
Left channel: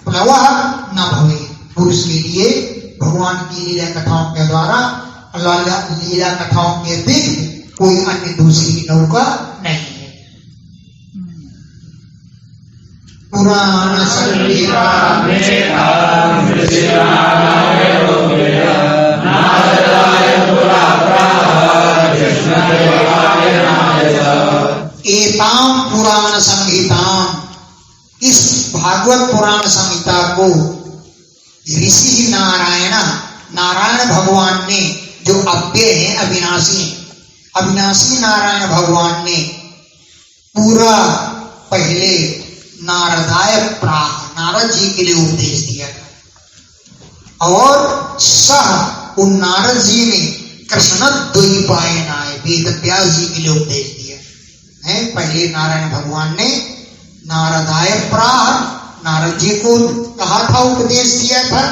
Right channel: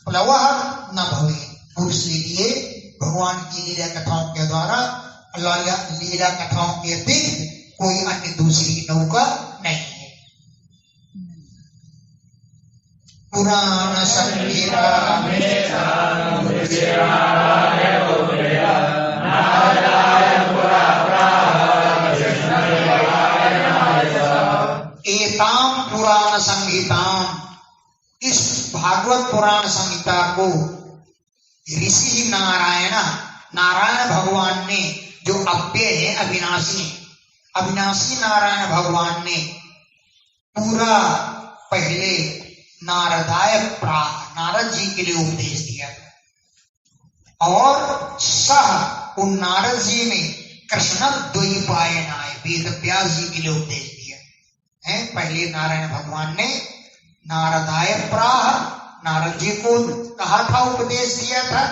प्लवः न भवे। पुरुष के लिए भगवान की लीला कथाओं के द्वारा, लीला कथाओं के अतिरिक्त कोई अन्य दूसरी नौका नहीं है। पुराण संगीता एताम पुराण संहिताम, इस भागवत पुराण संहिता को ऋषि नारायण, नारायण भगवान ने, जो अव्यय है, अविनाशी है, अविनाशी नारायण भगवान ने पूरा पहले नारदाय प्राह, नारद जी के लिए उपदेश दिया था। और सह, उन नारद जी ने कृष्ण द्वैपायनाय, वेद व्यास जी के लिए उपदेश दिया है। पहले नारायण भगवान ने नारदाय प्राह, नारद जी को कहा था, उपदेश दिया था।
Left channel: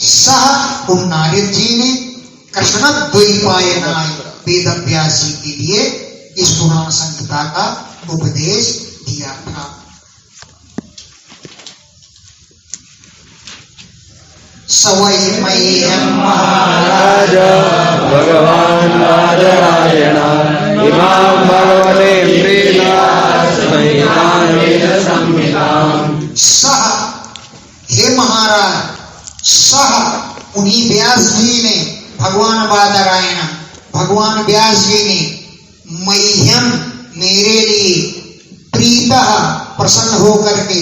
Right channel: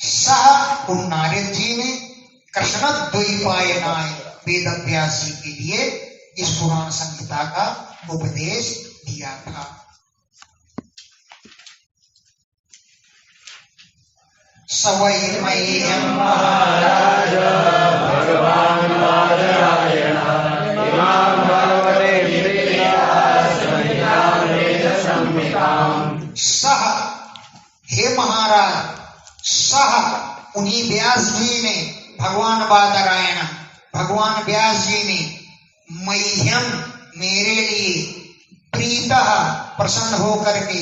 सह, उन नारद जी ने कृष्ण द्वैपायनाय, वेद व्यास जी के लिए इस पुराण संहिता का उपदेश दिया था। सवै मह्यं महाराज भगवान नारायण इमां भगवते संहितां। सह, हे महाराज, सह उन्हीं व्यास जी ने, भगवान बादरायण, भगवान व्यास जी ने मह्यम, मेरे लिए, प्रीतः, प्रसन्न होकर के,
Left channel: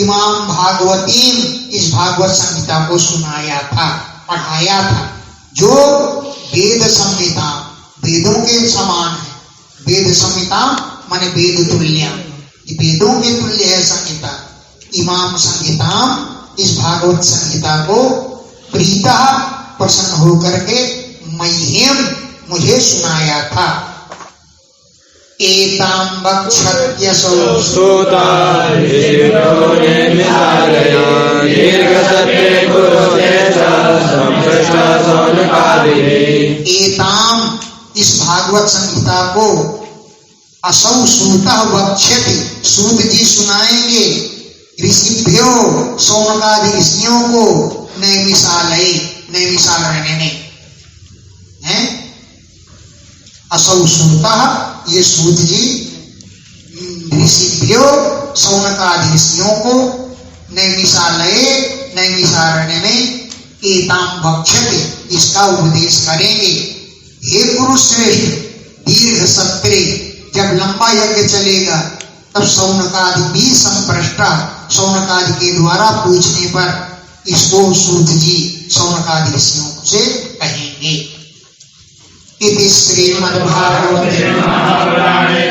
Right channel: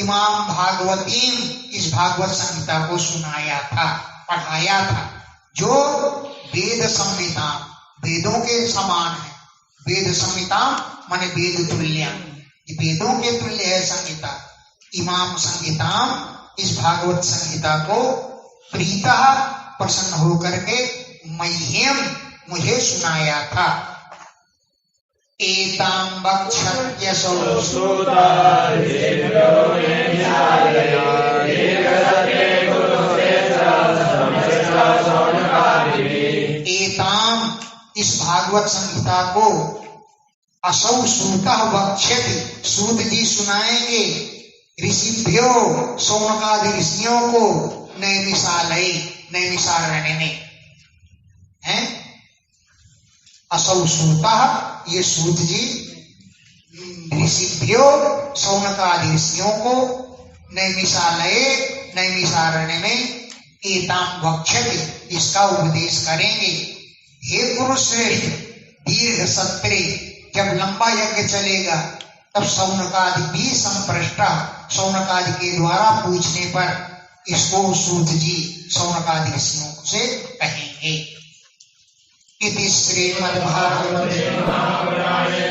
इमाम भागवतीम, इस भागवत संहिता को सुनाया था, पढ़ाया था, जो वेद संहिता, वेदों के समान है। वेद संहिता माने वेद तुल्य, वेदों के तुल्य है संहिता। इमाम संहिता, इस भागवत संहिता को प्रीतः, प्रसन्न होकर के, मह्यम, मुझे सुनाया था। एतां वक्षत्यसौ स्तोता एताम, इस भागवत संहिता को असौ सूतः वक्ष्यति, सूत जी सुनाएंगे, ऋषिभ्यो, सौनकादि ऋषियों को, नैमिषालय, नैमिषारण्य में हैं। असौ सूतः, ये सूत जी ऋषिभ्यो, सौनकादि ऋषियों को, नैमिषालय, नैमिषारण्य में, एताम वक्ष्यति, इसका उपदेश करेंगे। हे पुरुष श्रेष्ठ, दीर्घ सत्रे, जब लंबा यज्ञ चलेगा तब सौनकादि भी संप्रष्टा, सौनकादि के द्वारा पूछने पर इसको सूत जी सौनकादि ऋषियों से कहेंगे। इति श्रीमद्भागवते महापुराणे